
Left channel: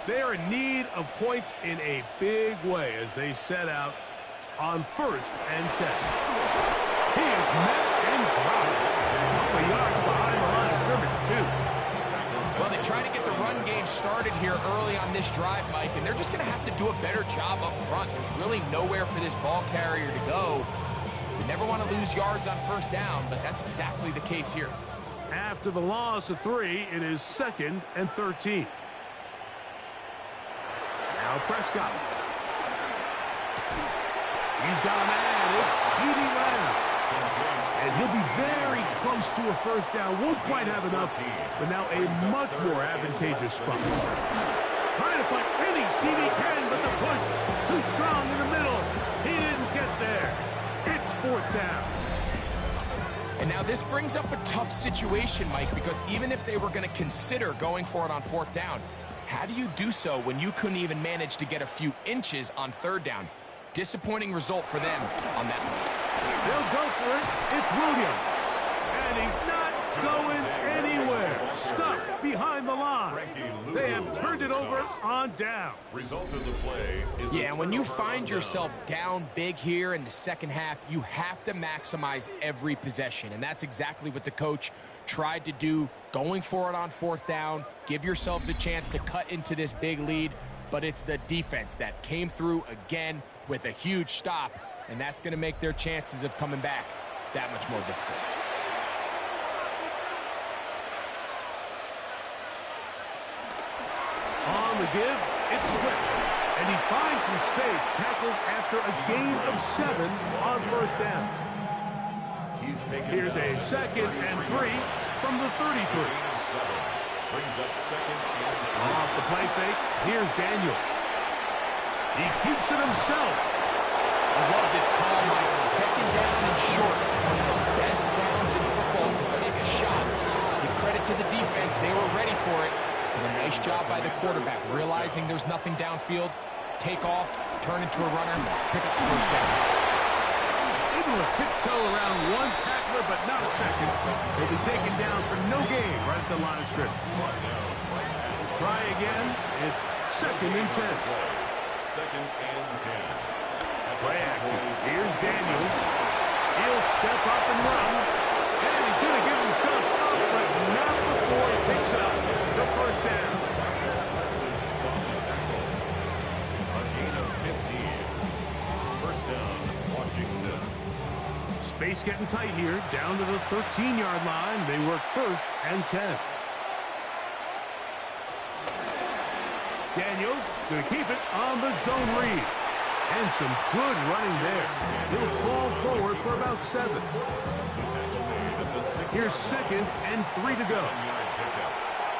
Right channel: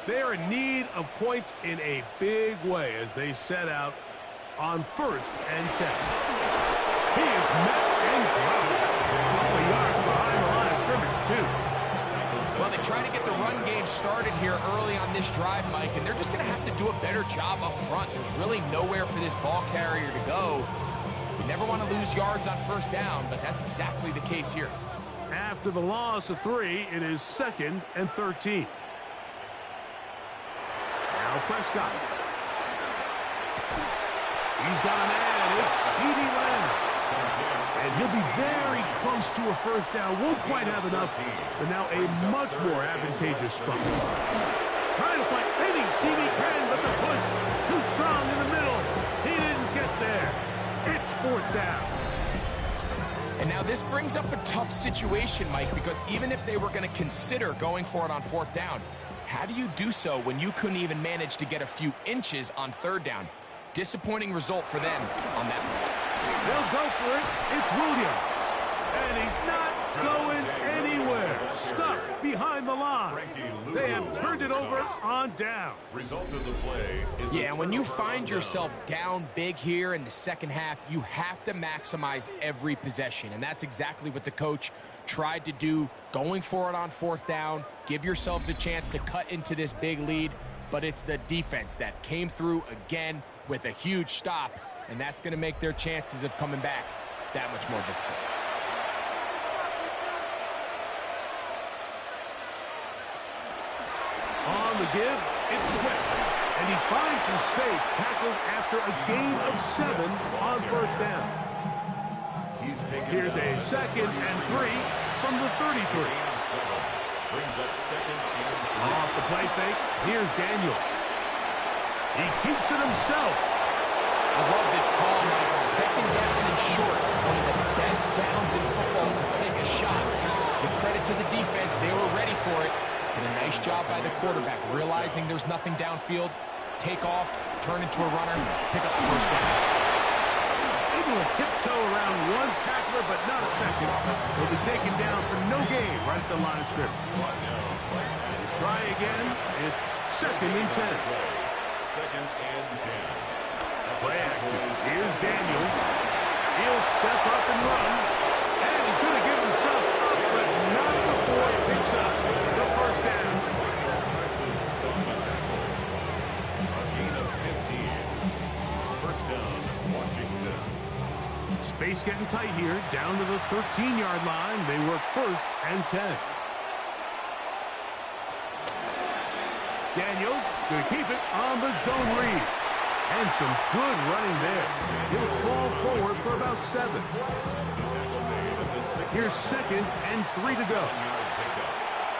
They are in need of points in a big way as they set out on 1st and 10. He is met and dropped. A couple of yards behind the line of scrimmage, too. Well, they try to get the run game started here early on this drive, Mike, and they're just going to have to do a better job up front. There's really nowhere for this ball carrier to go. You never want to lose yards on 1st down, but that's exactly the case here. After the loss of 3, it is 2nd and 13. Now Prescott. He's got a man. It's CeeDee Lamb. And he'll be very close to a 1st down. Won't quite have enough, but now a much more advantageous spot. Trying to fight any CD can, but the push too strong in the middle. He didn't get there. It's 4th down. And now this brings up a tough situation, Mike, because even if they were going to consider going for it on 4th down, how do you do so when you couldn't even manage to get a few inches on 3rd down? Disappointing result for them on that one. They'll go for it. It's Williams. And he's not going anywhere. Stuffed behind the line. They have turned it over on down. Result of the play is yeah, when you find yourself down big here in the second half, you have to maximize every possession, and that's exactly what the coach tried to do, going for it on fourth down. Give yourselves a chance to cut into this big lead, but it's the defense that came through again with a huge stop, and that's going to make their chances of coming back that much more difficult. On the give, it's Swift. And he finds some space, tackled after a gain of 7 on first down. Here's a 2nd and 3 from the 33. Brings up 2nd and 3. Off the play fake, here's Daniels. He keeps it himself. I love this call, Mike. 2nd down and short. One of the best downs in football to take a shot. Give credit to the defense. They were ready for it. And a nice job by the quarterback, realizing there's nothing downfield. Take off, turn into a runner, pick up the first down. Able to tiptoe around one tackler, but not a second. He'll be taken down for no gain right at the line of scrimmage. Try again. It's 2nd and 10. 2nd and 10. Play action. Here's Daniels. He'll step up and run. And he's going to give himself up, but not before he picks up the first down. Parsons on the tackle. A gain of 15. First down, Washington. Space getting tight here. Down to the 13-yard line. They work 1st and 10. Daniels going to keep it on the zone read. And some good running there. He'll fall forward for about 7. Here's 2nd and 3 to go.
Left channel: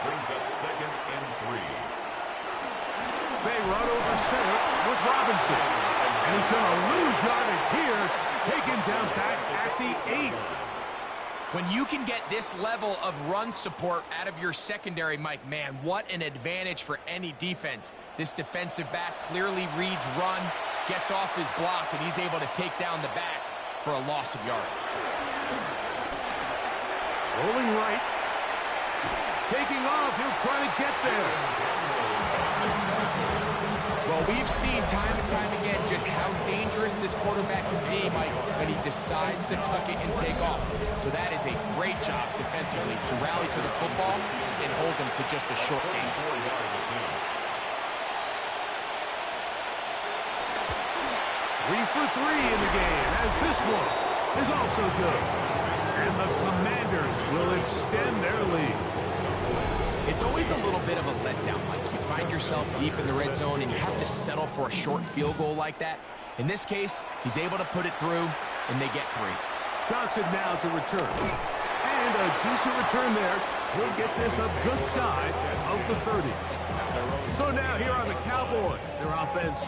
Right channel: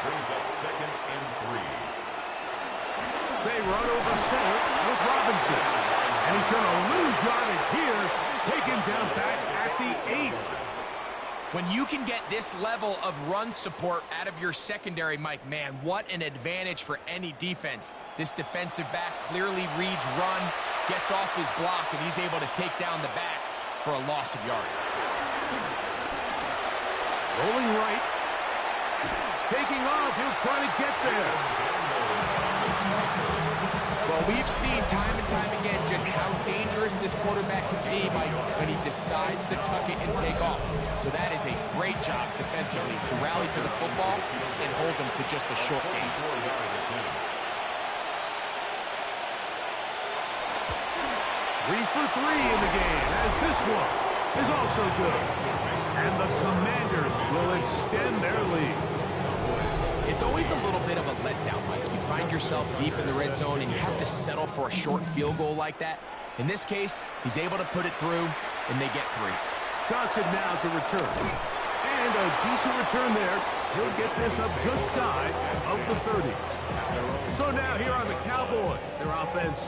Brings up 2nd and 3. They run over center with Robinson. And he's going to lose yardage here. Taken down back at the 8. When you can get this level of run support out of your secondary, Mike, man, what an advantage for any defense. This defensive back clearly reads run, gets off his block, and he's able to take down the back for a loss of yards. Rolling right. Taking off. He'll try to get there. Well, we've seen time and time again just how dangerous this quarterback can be, Mike, when he decides to tuck it and take off. So that is a great job defensively to rally to the football and hold him to just a short gain. 3 for 3 in the game, as this one is also good. And the Commanders will extend their lead. It's always a little bit of a letdown, Mike. You find yourself deep in the red zone and you have to settle for a short field goal like that. In this case, he's able to put it through, and they get 3. Johnson now to return. And a decent return there. He'll get this up just shy of the 30. So now here are the Cowboys. Their offense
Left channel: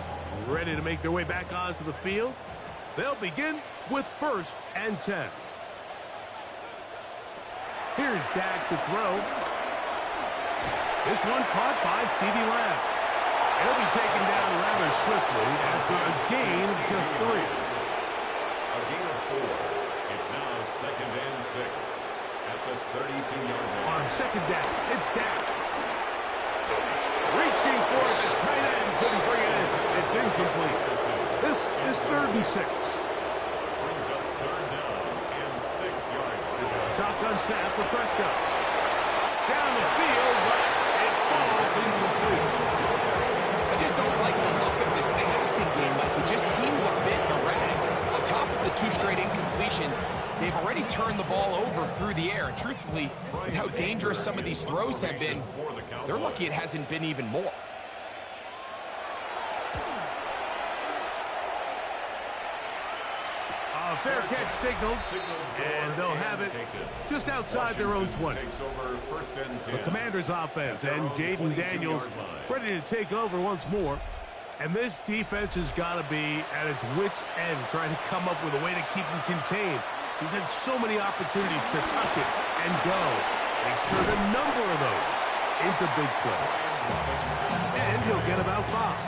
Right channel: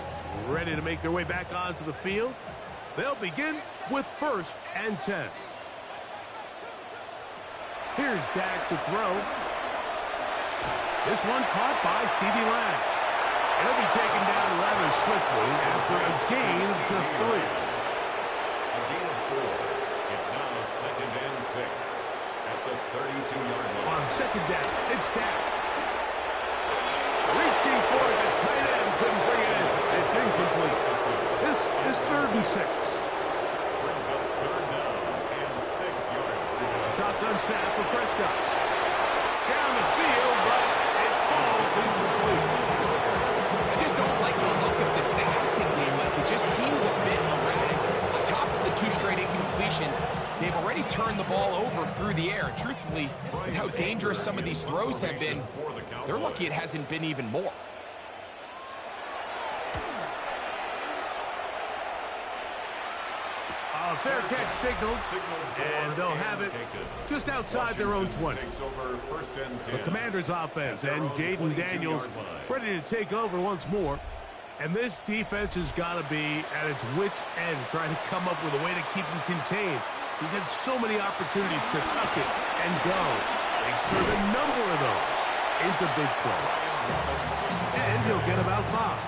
ready to make their way back onto the field. They'll begin with 1st and 10. Here's Dak to throw. This one caught by CeeDee Lamb. It'll be taken down rather swiftly after a gain of just 3. A gain of 4. It's now 2nd and 6 at the 32-yard line. On 2nd down, it's Dak. Reaching for it, the tight end couldn't bring it in. It's incomplete. This is 3rd and 6. Brings up 3rd down and 6 yards to go. Shotgun snap for Prescott. Down the field, but it falls incomplete. I just don't like the look of this passing game. Like, it just seems a bit erratic. On top of the 2 straight incompletions, they've already turned the ball over through the air. And truthfully, with how dangerous some of these throws have been, they're lucky it hasn't been even more. A fair catch signals, and they'll have it just outside their own 20. The Commanders' offense and Jaden Daniels ready to take over once more. And this defense has got to be at its wits' end, trying to come up with a way to keep him contained. He's had so many opportunities to tuck it and go. And he's turned a number of those into big plays. And he'll get about 5.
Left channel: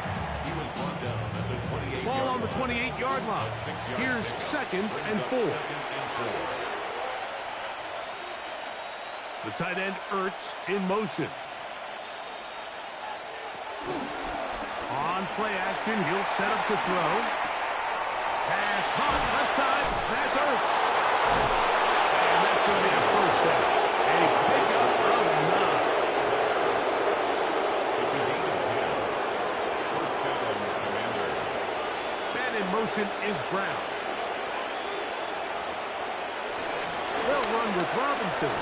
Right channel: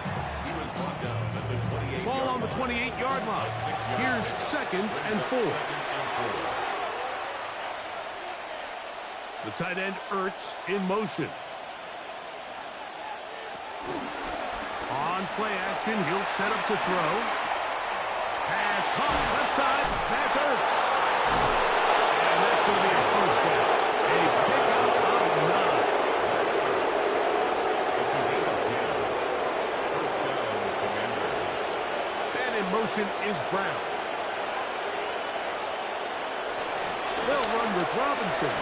He was brought down at the 28-yard line. Ball on the 28-yard line. Here's 2nd and 4. The tight end Ertz in motion. On play action, he'll set up to throw. Pass caught left side. That's Ertz. And that's going to be a first down. A pickup of 9. It's a gain of 10. First down, Commanders. Man in motion is Brown. They'll run with Robinson.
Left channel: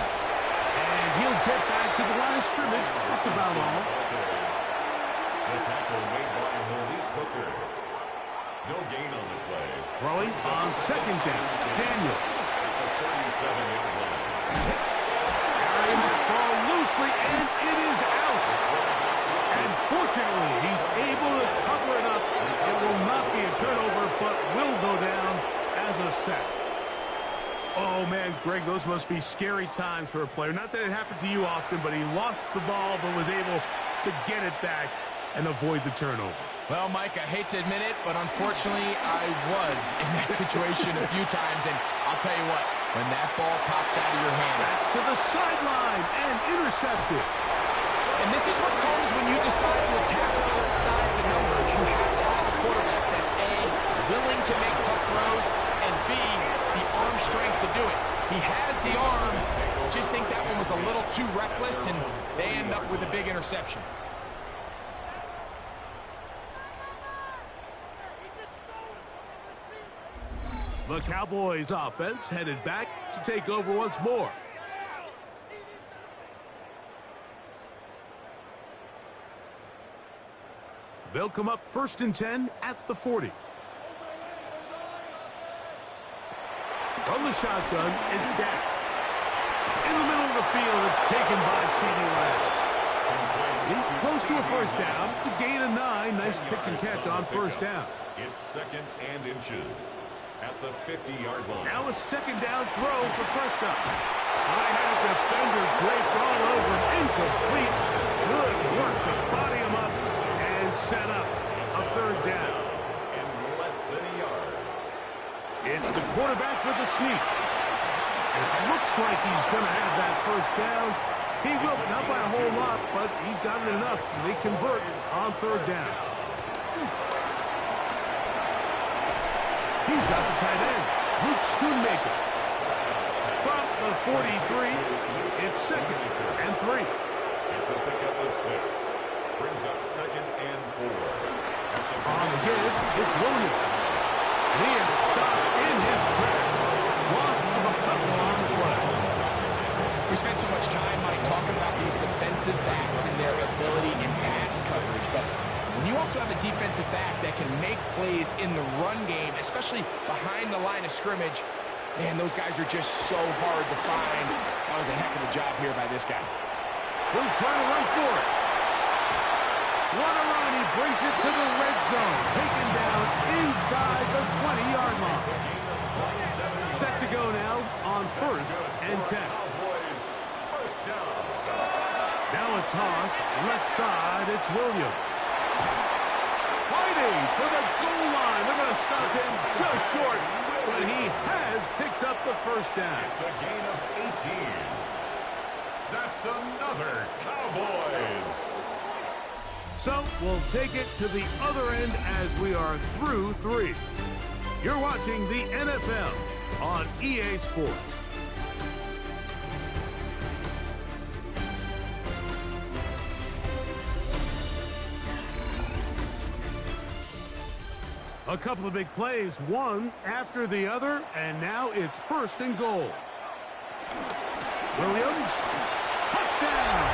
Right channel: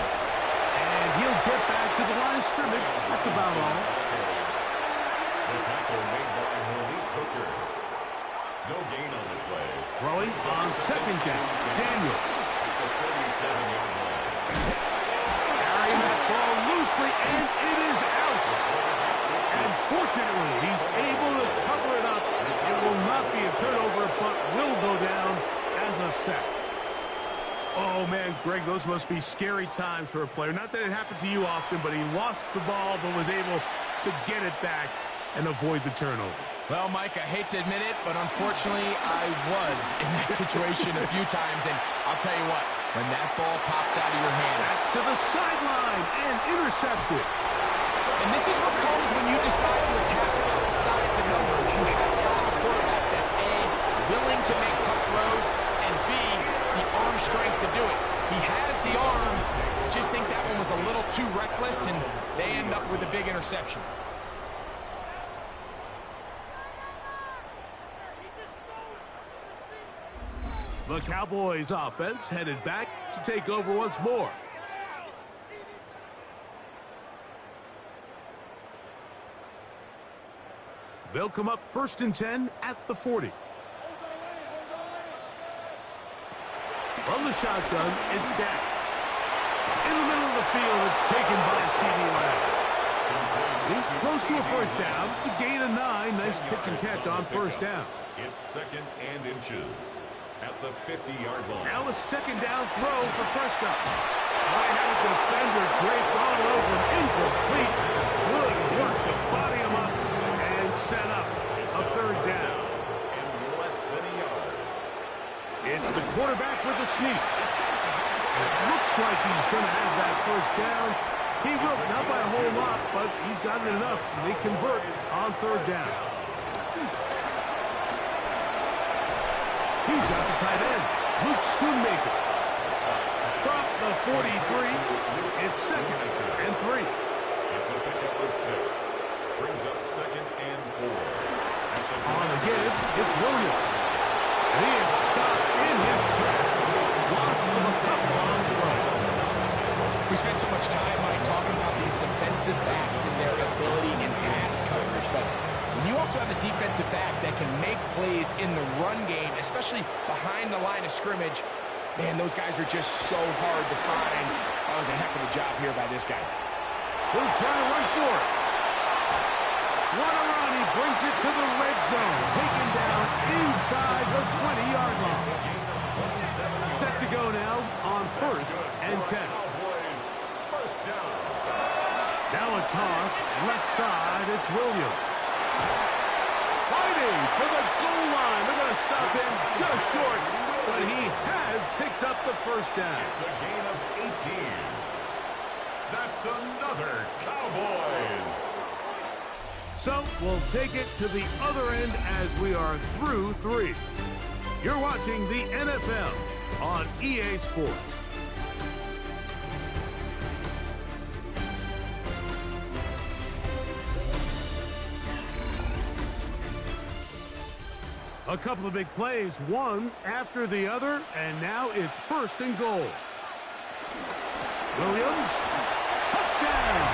And he'll get back to the line of scrimmage. That's about all. The tackle made by Malik Hooker. No gain on the play. Throwing on second down. Daniel. At the 37-yard line. Carrying that ball loosely, and it is out. And fortunately, he's able to cover it up. It will not be a turnover, but will go down as a sack. Oh, man, Greg, those must be scary times for a player. Not that it happened to you often, but he lost the ball but was able to get it back and avoid the turnover. Well, Mike, I hate to admit it, but unfortunately, I was in that situation a few times. And I'll tell you what, when that ball pops out of your hand. That's to the sideline and intercepted. And this is what comes when you decide to attack outside the numbers. You have to have a quarterback that's A, willing to make tough throws, and B, the arm strength to do it. He has the arm. Just think that one was a little too reckless, and they end up with a big interception. The Cowboys offense headed back to take over once more. They'll come up 1st and 10 at the 40. From the shotgun, it's Dak. In the middle of the field, it's taken by CeeDee Lamb. He's close to a first down to gain a 9. Nice pitch and catch on first down. It's 2nd and inches at the 50-yard line. Now a second down throw for Prescott. I had a defender draped all over him. Incomplete. Good work to body him up and set up a third down. And less than a yard. It's the quarterback with the sneak. And it looks like he's going to have that first down. He will, not by a whole lot, but he's got it enough. They convert on third down. He's got the tight end, Luke Schoonmaker. From the 43, it's 2nd and 3. It's a pickup of 6. Brings up 2nd and 4. On the give, it's Williams. And he is stopped in his tracks. Loss of a couple on the play. We spent so much time, Mike, talking about these defensive backs and their ability in pass coverage, but when you also have a defensive back that can make plays in the run game, especially behind the line of scrimmage, man, those guys are just so hard to find. That was a heck of a job here by this guy. He'll try to run for it. What a run. He brings it to the red zone. Taken down inside the 20-yard line. Set to go now on 1st and 10. First down. Now a toss. Left side, it's Williams. Fighting for the goal line. They're going to stop him just short, but he has picked up the first down. It's a gain of 18. That's another Cowboys. So we'll take it to the other end as we are through 3. You're watching the NFL on EA Sports. A couple of big plays, one after the other, and now it's 1st and goal. Williams, touchdown!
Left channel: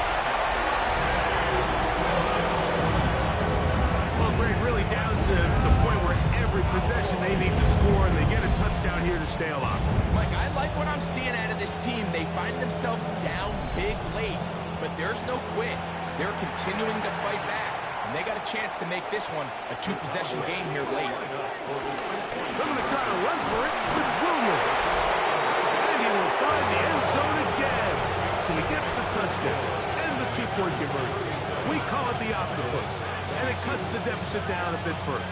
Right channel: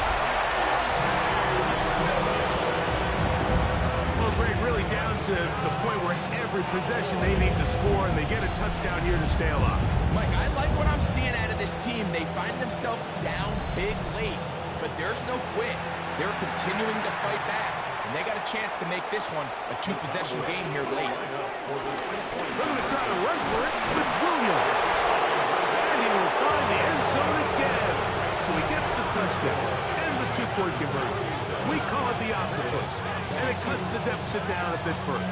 Well, Greg, really down to the point where every possession they need to score, and they get a touchdown here to stay alive. Mike, I like what I'm seeing out of this team. They find themselves down big late, but there's no quit. They're continuing to fight back. And they got a chance to make this one a 2-possession game here late. They're going to try to run for it with Williams. And he will find the end zone again. So he gets the touchdown and the 2-point conversion. We call it the octopus. And it cuts the deficit down a bit further.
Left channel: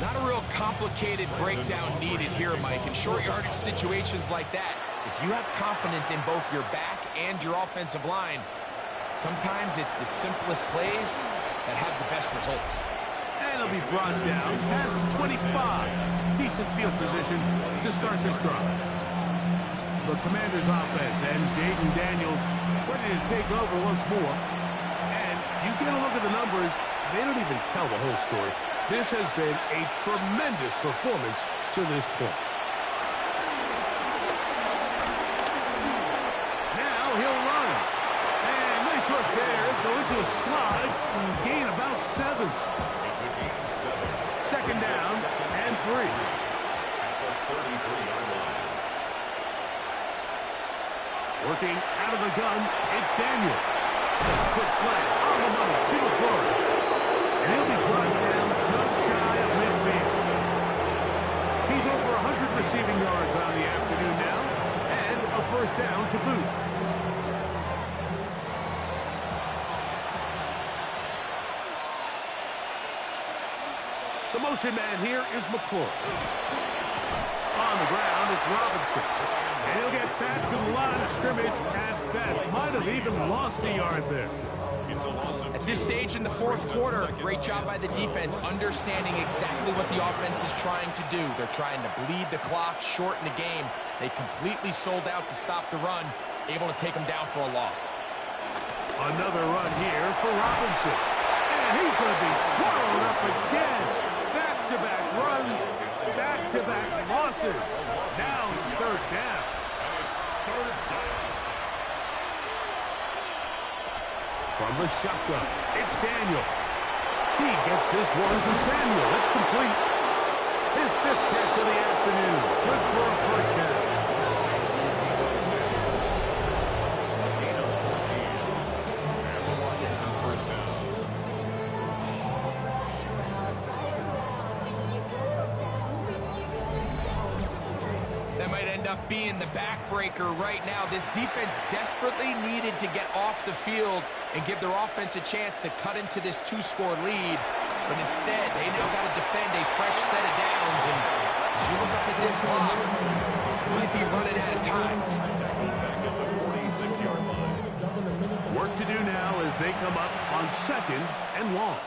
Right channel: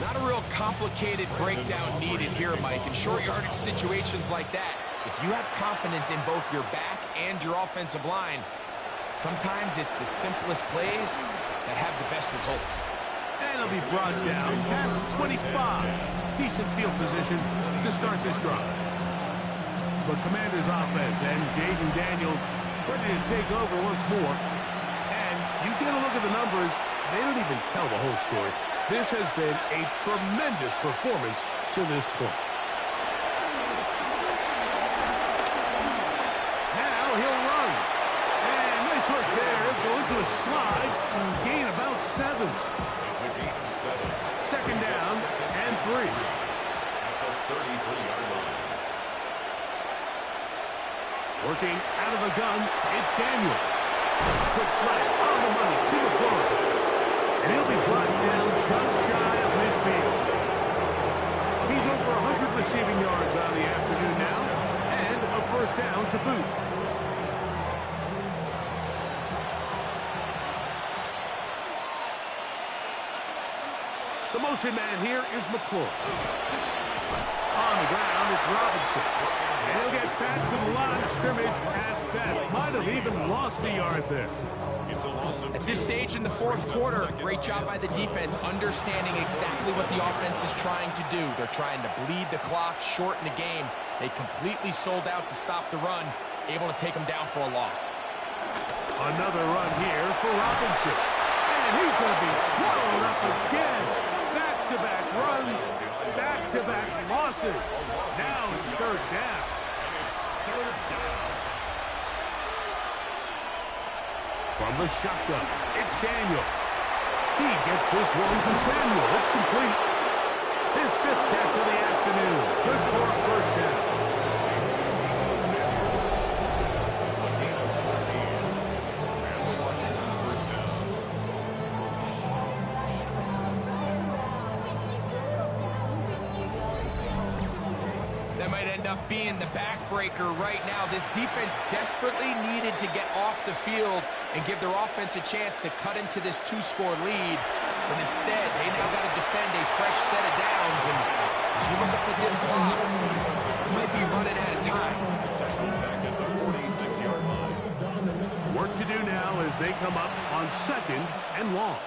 Not a real complicated breakdown needed here, Mike. In short yardage situations like that, if you have confidence in both your back and your offensive line, sometimes it's the simplest plays that have the best results. And it'll be brought down past the 25. Decent field position to start this drive. The Commanders' offense and Jaden Daniels ready to take over once more. And you get a look at the numbers, they don't even tell the whole story. This has been a tremendous performance to this point. Now he'll run. And nice work there. He'll go into a slide and gain about 7. It's a gain of 7. Second down and 3. At the 33-yard line. Working out of the gun, it's Daniels. Quick slant on the money to McClure. And he'll be brought down just shy of midfield. He's over 100 receiving yards on the afternoon now, and a first down to boot. The motion man here is McClure. On the ground, it's Robinson. And he'll get back to the line of scrimmage at best. Might have even lost a yard there. It's a loss of 2. At this stage in the fourth quarter, great job by the defense, understanding exactly what the offense is trying to do. They're trying to bleed the clock, shorten the game. They completely sold out to stop the run, able to take them down for a loss. Another run here for Robinson. And he's going to be swallowed up again. Back-to-back runs, back-to-back losses. Now it's third down. And it's third down. From the shotgun, it's Daniel. He gets this one to Samuel. It's complete. His 5th catch of the afternoon. Good for a first down. A gain of 14. And the Washington first down. That might end up being the backbreaker right now. This defense desperately needed to get off the field and give their offense a chance to cut into this 2-score lead. But instead, they now got to defend a fresh set of downs. And as you look up at this clock, it might be running out of time. Tackle back at the 46-yard line. Work to do now as they come up on 2nd and long.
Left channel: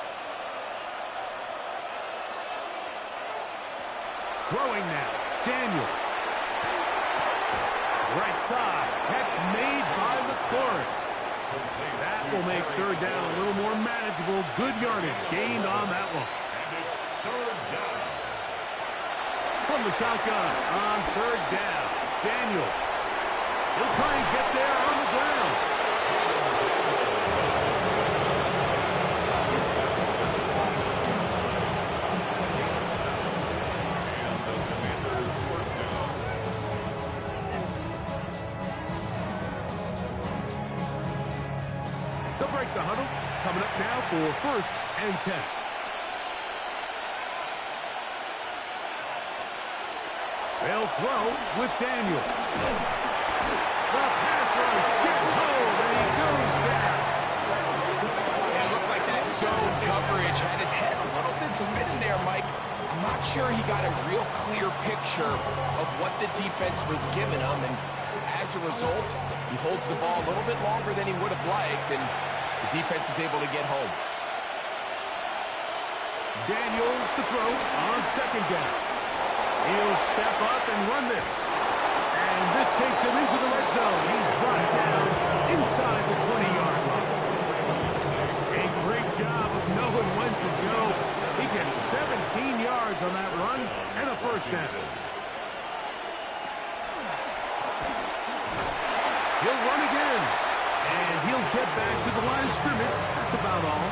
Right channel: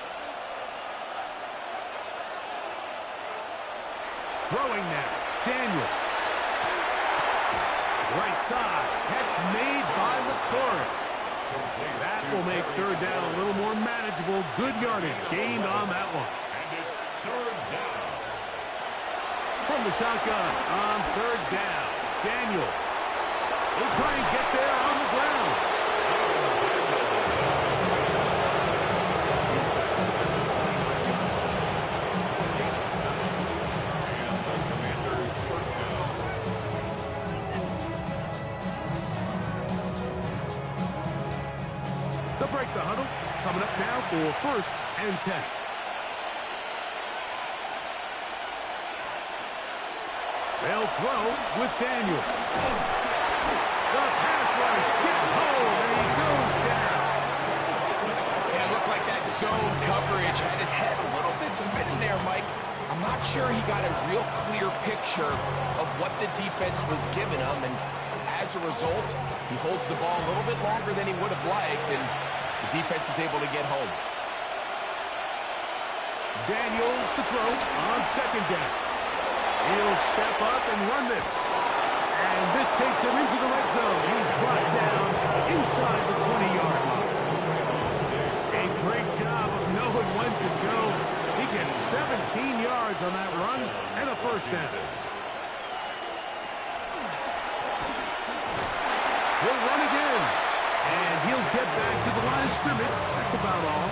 Throwing now, Daniel. Right side, catch made by McClure. That will make third down a little more manageable. Good yardage gained on that one. And it's third down. From the shotgun on third down, Daniels. He'll try and get there on the ground. And the Commanders first down. They'll break the huddle. Coming up now for 1st and 10. They'll throw with Daniel. The pass rush gets home, and he goes down. Yeah, it looked like that zone coverage had his head a little bit spinning there, Mike. I'm not sure he got a real clear picture of what the defense was giving him, and as a result, he holds the ball a little bit longer than he would have liked, and the defense is able to get home. Daniels to throw on 2nd down. He'll step up and run this. And this takes him into the red zone. He's brought down inside the 20-yard line. A great job of knowing when to go. He gets 17 yards on that run and a first down. He'll run again. And he'll get back to the line of scrimmage. That's about all.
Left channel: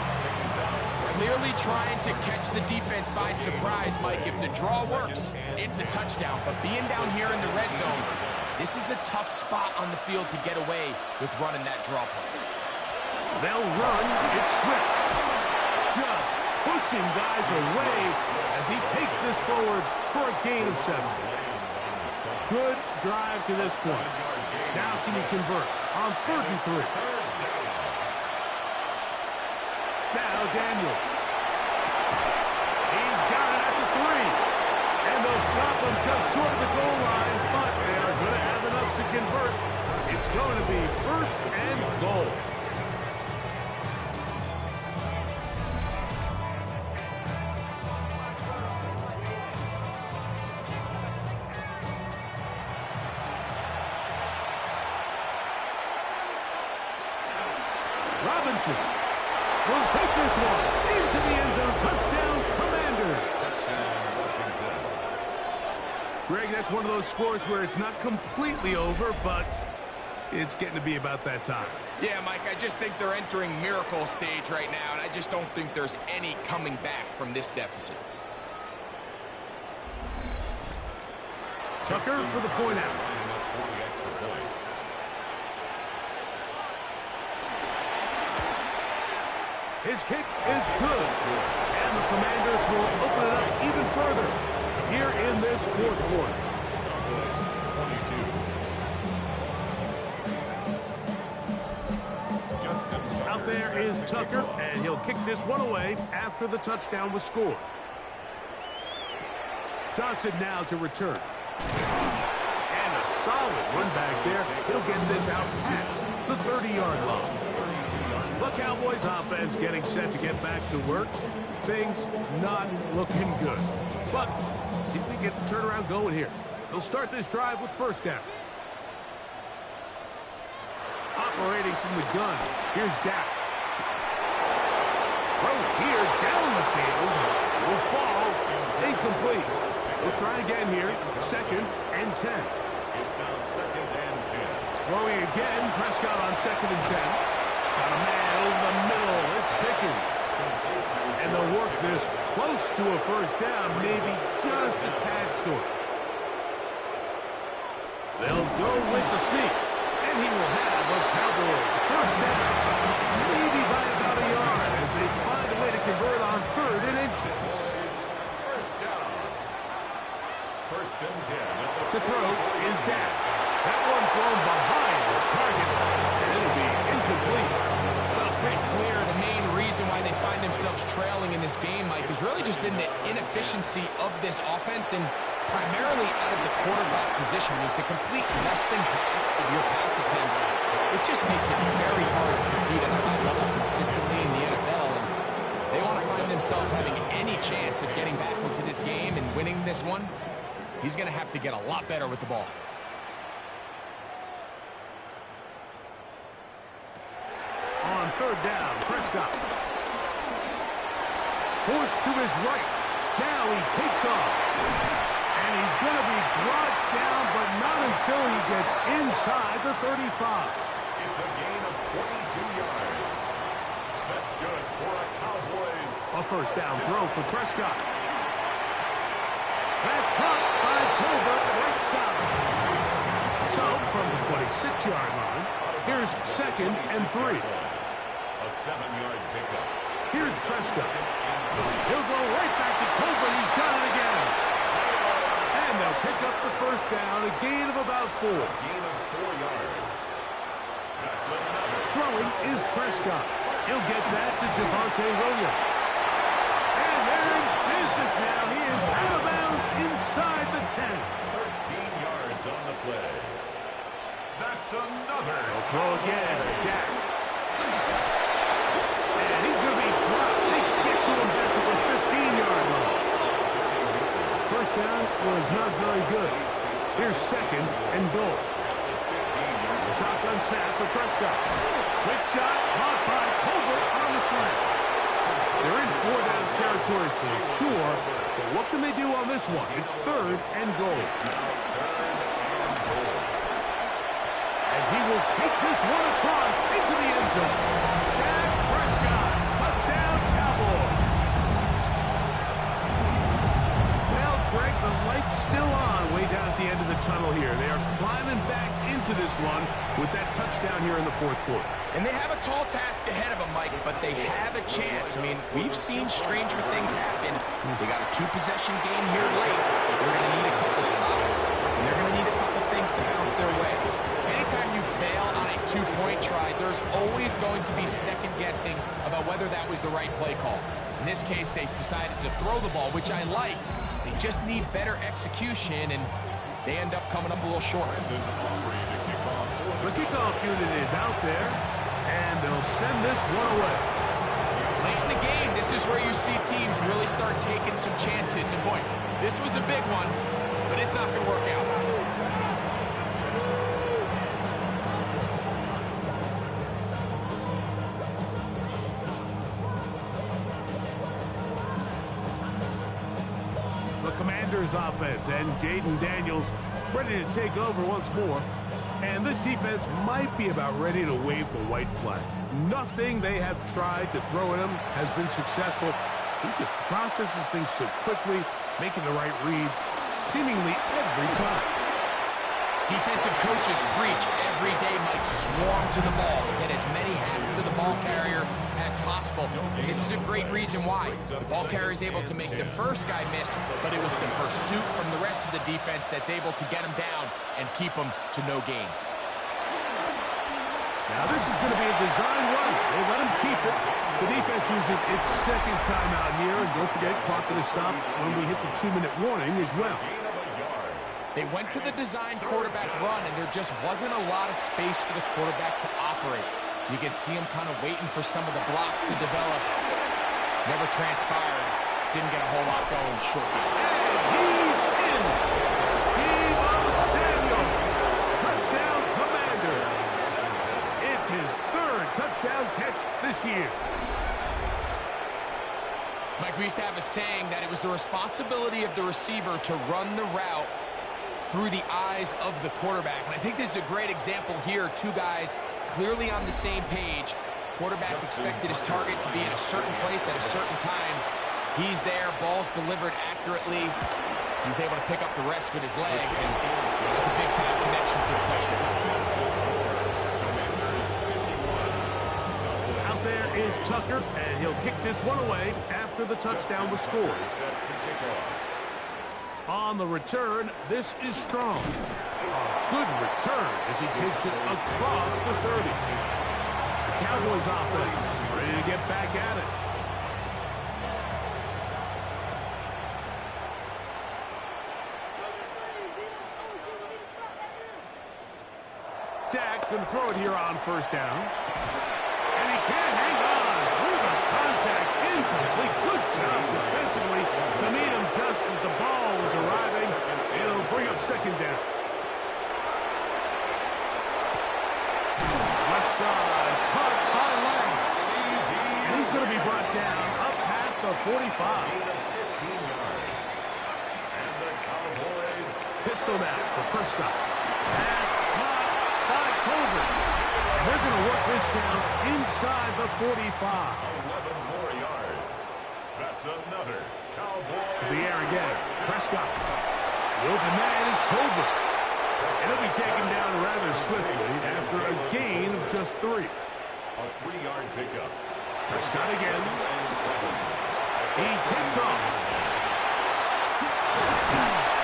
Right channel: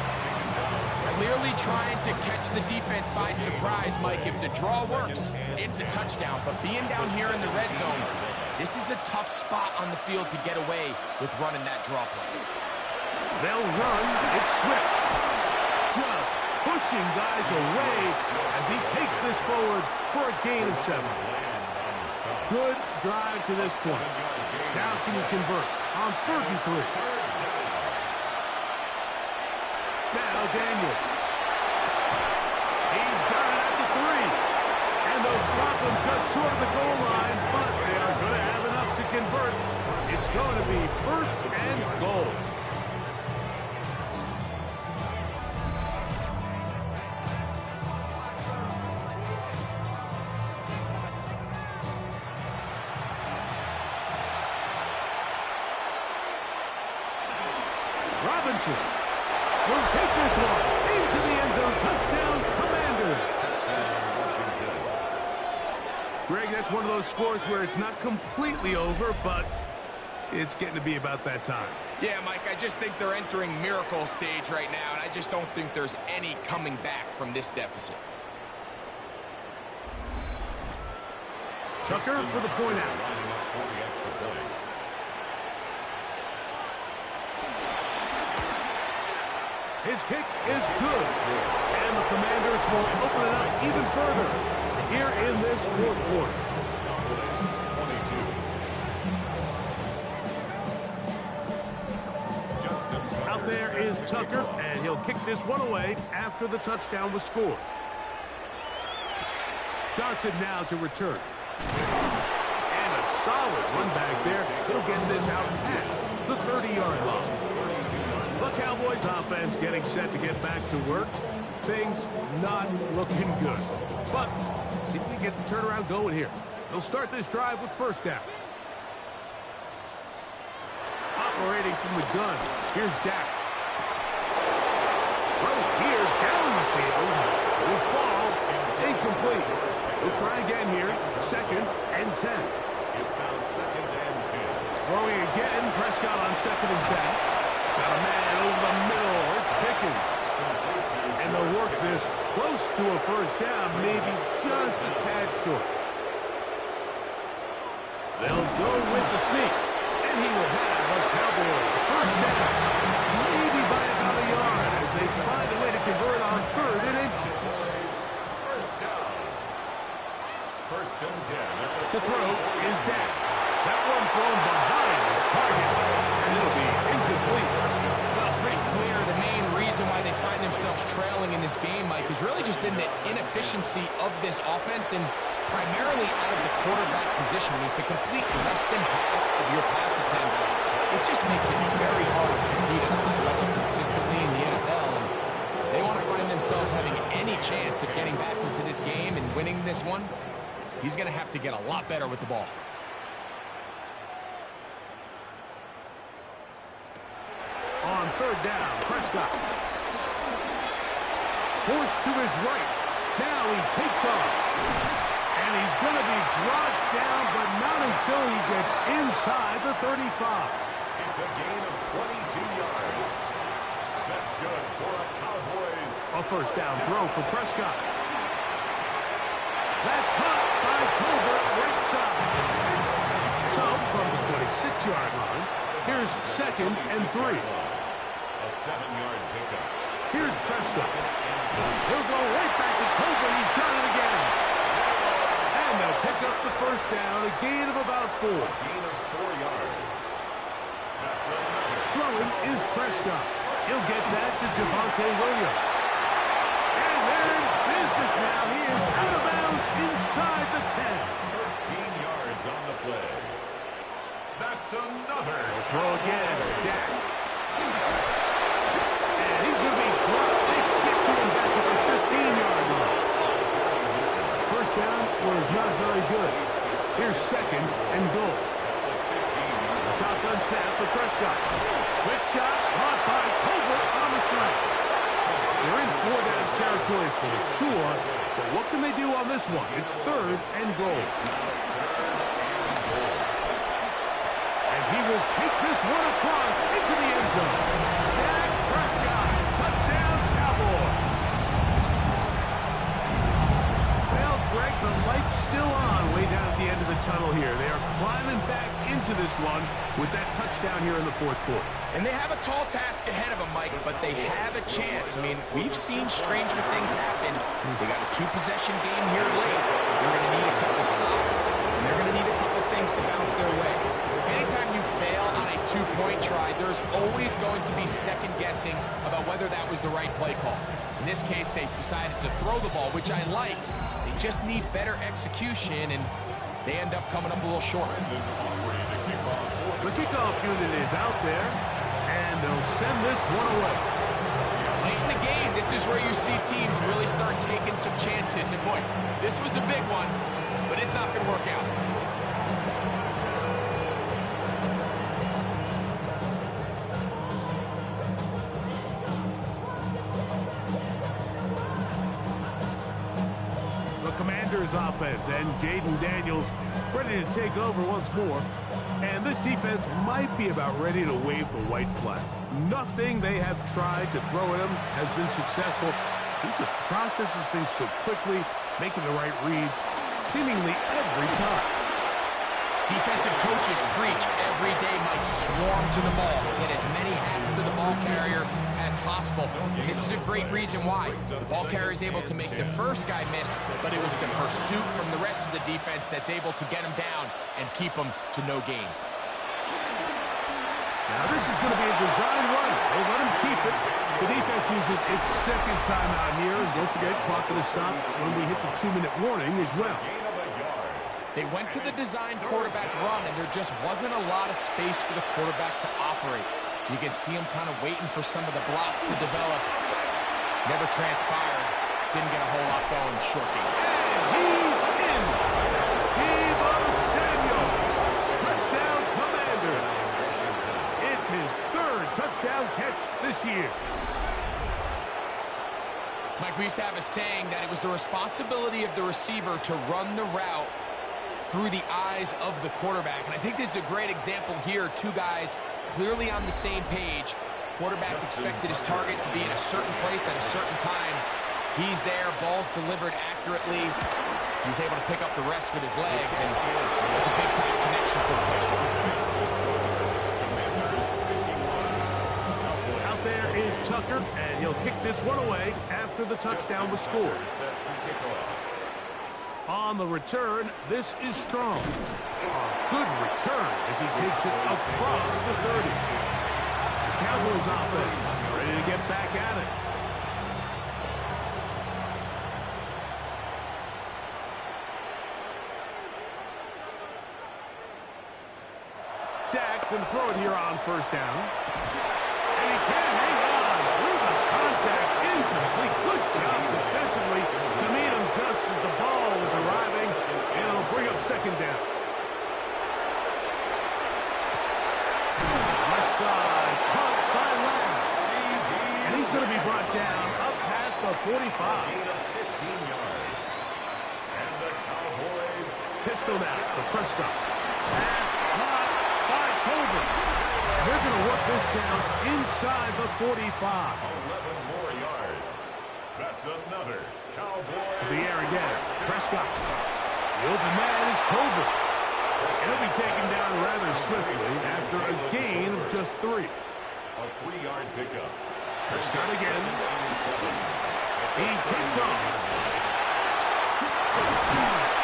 Clearly trying to catch the defense by surprise, Mike. If the draw works, it's a touchdown. But being down here in the red zone, this is a tough spot on the field to get away with running that draw play. They'll run. It's Swift. Just pushing guys away as he takes this forward for a gain of 7. Good drive to this point. Now can he convert on 3rd and 3? Now Daniels. He's got it at the 3. will stop them just short of the goal lines, but they are going to have enough to convert. It's going to be first and goal. Robinson will take this one into the end zone. Touchdown, Commander. Touchdown, Washington. Greg, that's one of those scores where it's not completely over, but it's getting to be about that time. Yeah, Mike, I just think they're entering miracle stage right now, and I just don't think there's any coming back from this deficit. Tucker for the point out. Lining up for the extra point. His kick is good. And the Commanders will open it up even further here in this fourth quarter. Cowboys 22. Out there is Tucker, and he'll kick this one away after the touchdown was scored. Johnson now to return. And a solid run back there. He'll get this out past the 30-yard line. The Cowboys offense getting set to get back to work. Things not looking good. But see if we can get the turnaround going here. They'll start this drive with first down. Operating from the gun. Here's Dak. Throw here down the field. Will fall. Incomplete. We'll try again here. Second and 10. It's now second and 10. Throwing again. Prescott on second and 10. Got a man over the middle. It's Pickens. And they'll work this close to a first down, maybe just a tad short. They'll go with the sneak. And he will have a Cowboys first down. Maybe by about a yard as they find a way to convert on third and inches. First down. First and 10. To throw is Dak. That one thrown behind his target, and it'll be incomplete. Well, it's pretty clear the main reason why they find themselves trailing in this game, Mike, has really just been the inefficiency of this offense and primarily out of the quarterback position. I mean, to complete less than half of your pass attempts, it just makes it very hard to compete at a high level consistently in the NFL. And if they want to find themselves having any chance of getting back into this game and winning this one, he's going to have to get a lot better with the ball. On third down, Prescott. Forced to his right. Now he takes off. And he's going to be brought down, but not until he gets inside the 35. It's a gain of 22 yards. That's good for a Cowboys. A first down throw for Prescott. That's caught by Tolbert right side. So, from the 26-yard line, here's second and 3. A 7-yard pickup. Here's Prescott. He'll go right back to Tolbert. He's done it again. And they'll pick up the first down, a gain of about 4. Gain of 4 yards. That's another. Throwing is Prescott. He'll get that to Javonte Williams. And they're in business now. He is out of bounds inside the 10. 13 yards on the play. That's another. They'll throw again. Dak. And he's going to be dropped. They get to him back at the 15-yard line. First down was not very good. Here's second and goal. A shotgun snap for Prescott. Quick shot caught by Tolbert on the slant. They're in 4-down territory for sure, but what can they do on this one? It's third and goal. And he will take this one across into the end zone. Dak Prescott, touchdown Cowboys. Well, Greg, the light's still on way down at the end of the tunnel here. They are climbing back into this one with that touchdown here in the fourth quarter. And they have a tall task ahead of them, Mike, but they have a chance. I mean, we've seen stranger things happen. They got a 2-possession game here late. They're going to need a couple stops, and they're going to need a couple things to bounce their way. Anytime you fail on a 2-point try, there's always going to be second-guessing about whether that was the right play call. In this case, they decided to throw the ball, which I like. They just need better execution, and they end up coming up a little short. The kickoff unit is out there, and they'll send this one away. Late in the game, this is where you see teams really start taking some chances. And boy, this was a big one, but it's not going to work out. The Commanders offense and Jaden Daniels ready to take over once more. And this defense might be about ready to wave the white flag. Nothing they have tried to throw at him has been successful. He just processes things so quickly, making the right read seemingly every time. Defensive coaches preach every day, Mike, swarm to the ball. Get as many hats to the ball carrier as possible. And this is a great reason why. The ball carrier is able to make the first guy miss, but it was the pursuit from the rest of the defense that's able to get him down and keep him to no gain. Now this is going to be a design run. They let him keep it. The defense uses its second timeout here. And don't forget, clock going to stop when we hit the 2-minute warning as well. They went to the design quarterback run, and there just wasn't a lot of space for the quarterback to operate. You can see him kind of waiting for some of the blocks to develop. Never transpired. Didn't get a whole lot going short game. And he's in. Deebo Samuel. Touchdown, Commander. It's his third touchdown catch this year. Mike, we used to have a saying that it was the responsibility of the receiver to run the route through the eyes of the quarterback. And I think this is a great example here. Two guys clearly on the same page. Quarterback expected his target to be in a certain place at a certain time. He's there, ball's delivered accurately. He's able to pick up the rest with his legs, and it's a big-time connection for the touchdown. Out there is Tucker, and he'll kick this one away after the touchdown was scored. On the return, this is Strong. A good return as he takes it across the 30. The Cowboys offense ready to get back at it. Dak going to throw it here on first down. And he can't hang on through the contact. Incomplete. Good job defensively to meet him just as the ball was arriving. It'll bring up second down. Left side, caught by Lance. And he's going to be brought down up past the 45. And the Cowboys Pistol now for Prescott. Pass caught by Tolbert. They're going to work this down inside the 45. 11 more yards. That's another Cowboys. To the air again. Prescott. The open man is Tolbert. And he'll be taken down rather swiftly after a gain of just 3. A 3-yard pickup. Prescott again. He takes off.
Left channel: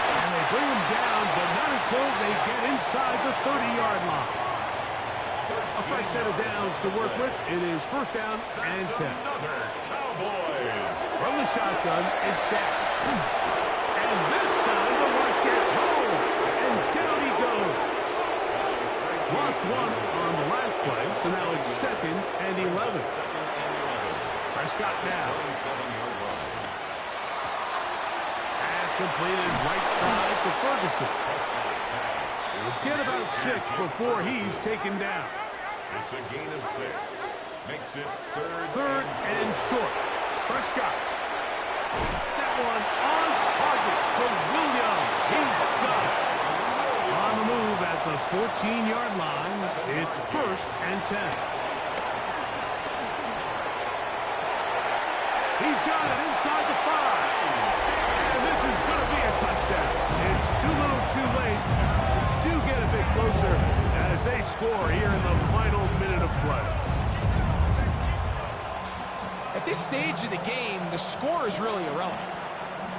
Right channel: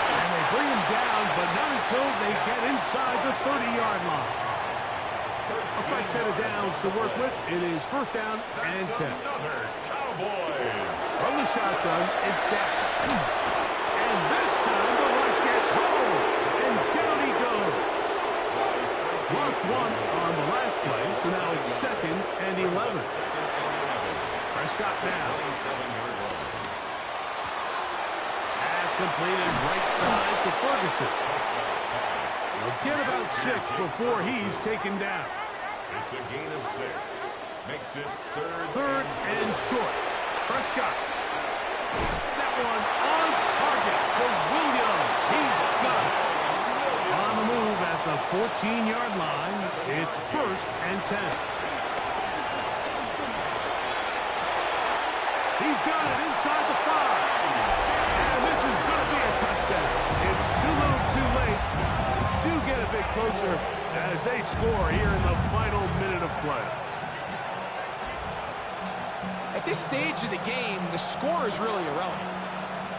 And they bring him down, but not until they get inside the 30-yard line. A fresh set of downs to work with. It is first down and 10. Another Cowboys. From the shotgun, it's Dak. And this time the rush gets home. And down he goes. Lost one on the last play, so now it's second and 11. Prescott now. Pass completed right side to Ferguson. He'll get about 6 before he's taken down. It's a gain of 6. Makes it Third and short. Prescott. That one on target for Williams. He's got it. On the move at the 14-yard line. It's first and 10. He's got it inside the 5. And this is going to be a touchdown. It's too little too late. Do get a bit closer as they score here in the final minute of play. At this stage of the game, the score is really irrelevant.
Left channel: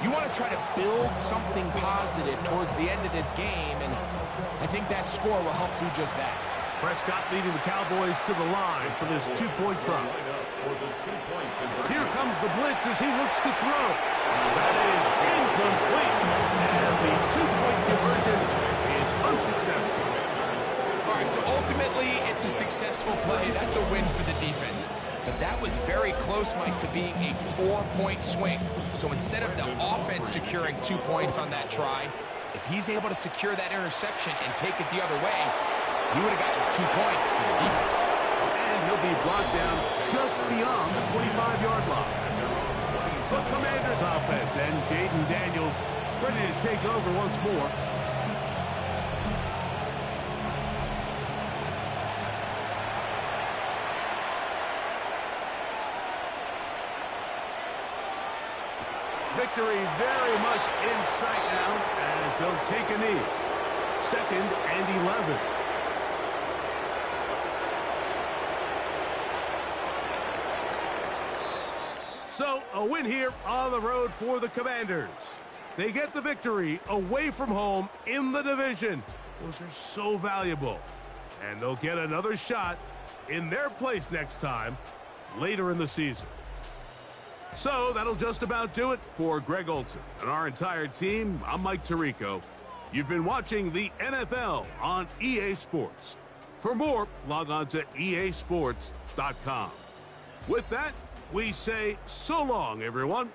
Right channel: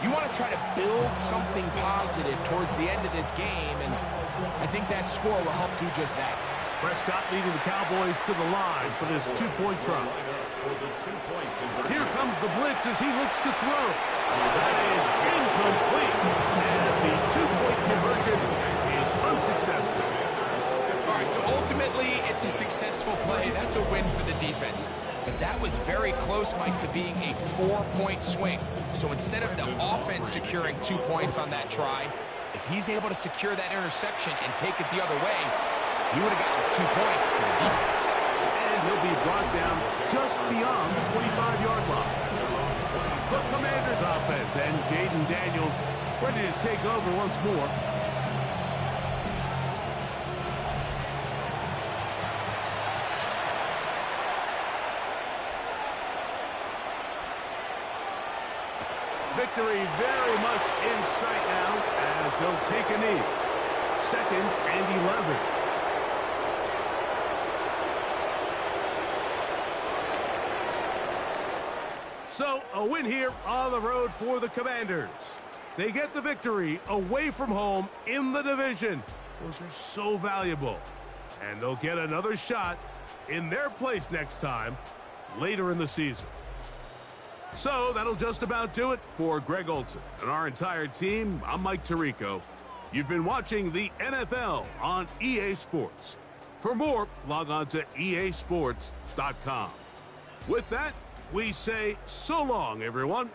You want to try to build something positive towards the end of this game, and I think that score will help do just that. Prescott leading the Cowboys to the line for this two-point try. Here comes the blitz as he looks to throw. That is incomplete. And the two-point conversion is unsuccessful. All right, so ultimately, it's a successful play. That's a win for the defense. But that was very close, Mike, to being a 4-point swing. So instead of the offense securing 2 points on that try, if he's able to secure that interception and take it the other way, he would have gotten 2 points for the defense. And he'll be brought down just beyond the 25-yard line. The Commanders offense and Jaden Daniels ready to take over once more. Victory very much in sight now as they'll take a knee. 2nd and 11. So, a win here on the road for the Commanders. They get the victory away from home in the division. Those are so valuable. And they'll get another shot in their place next time later in the season. So, that'll just about do it for Greg Olson and our entire team. I'm Mike Tirico. You've been watching the NFL on EA Sports. For more, log on to easports.com. With that, we say so long, everyone.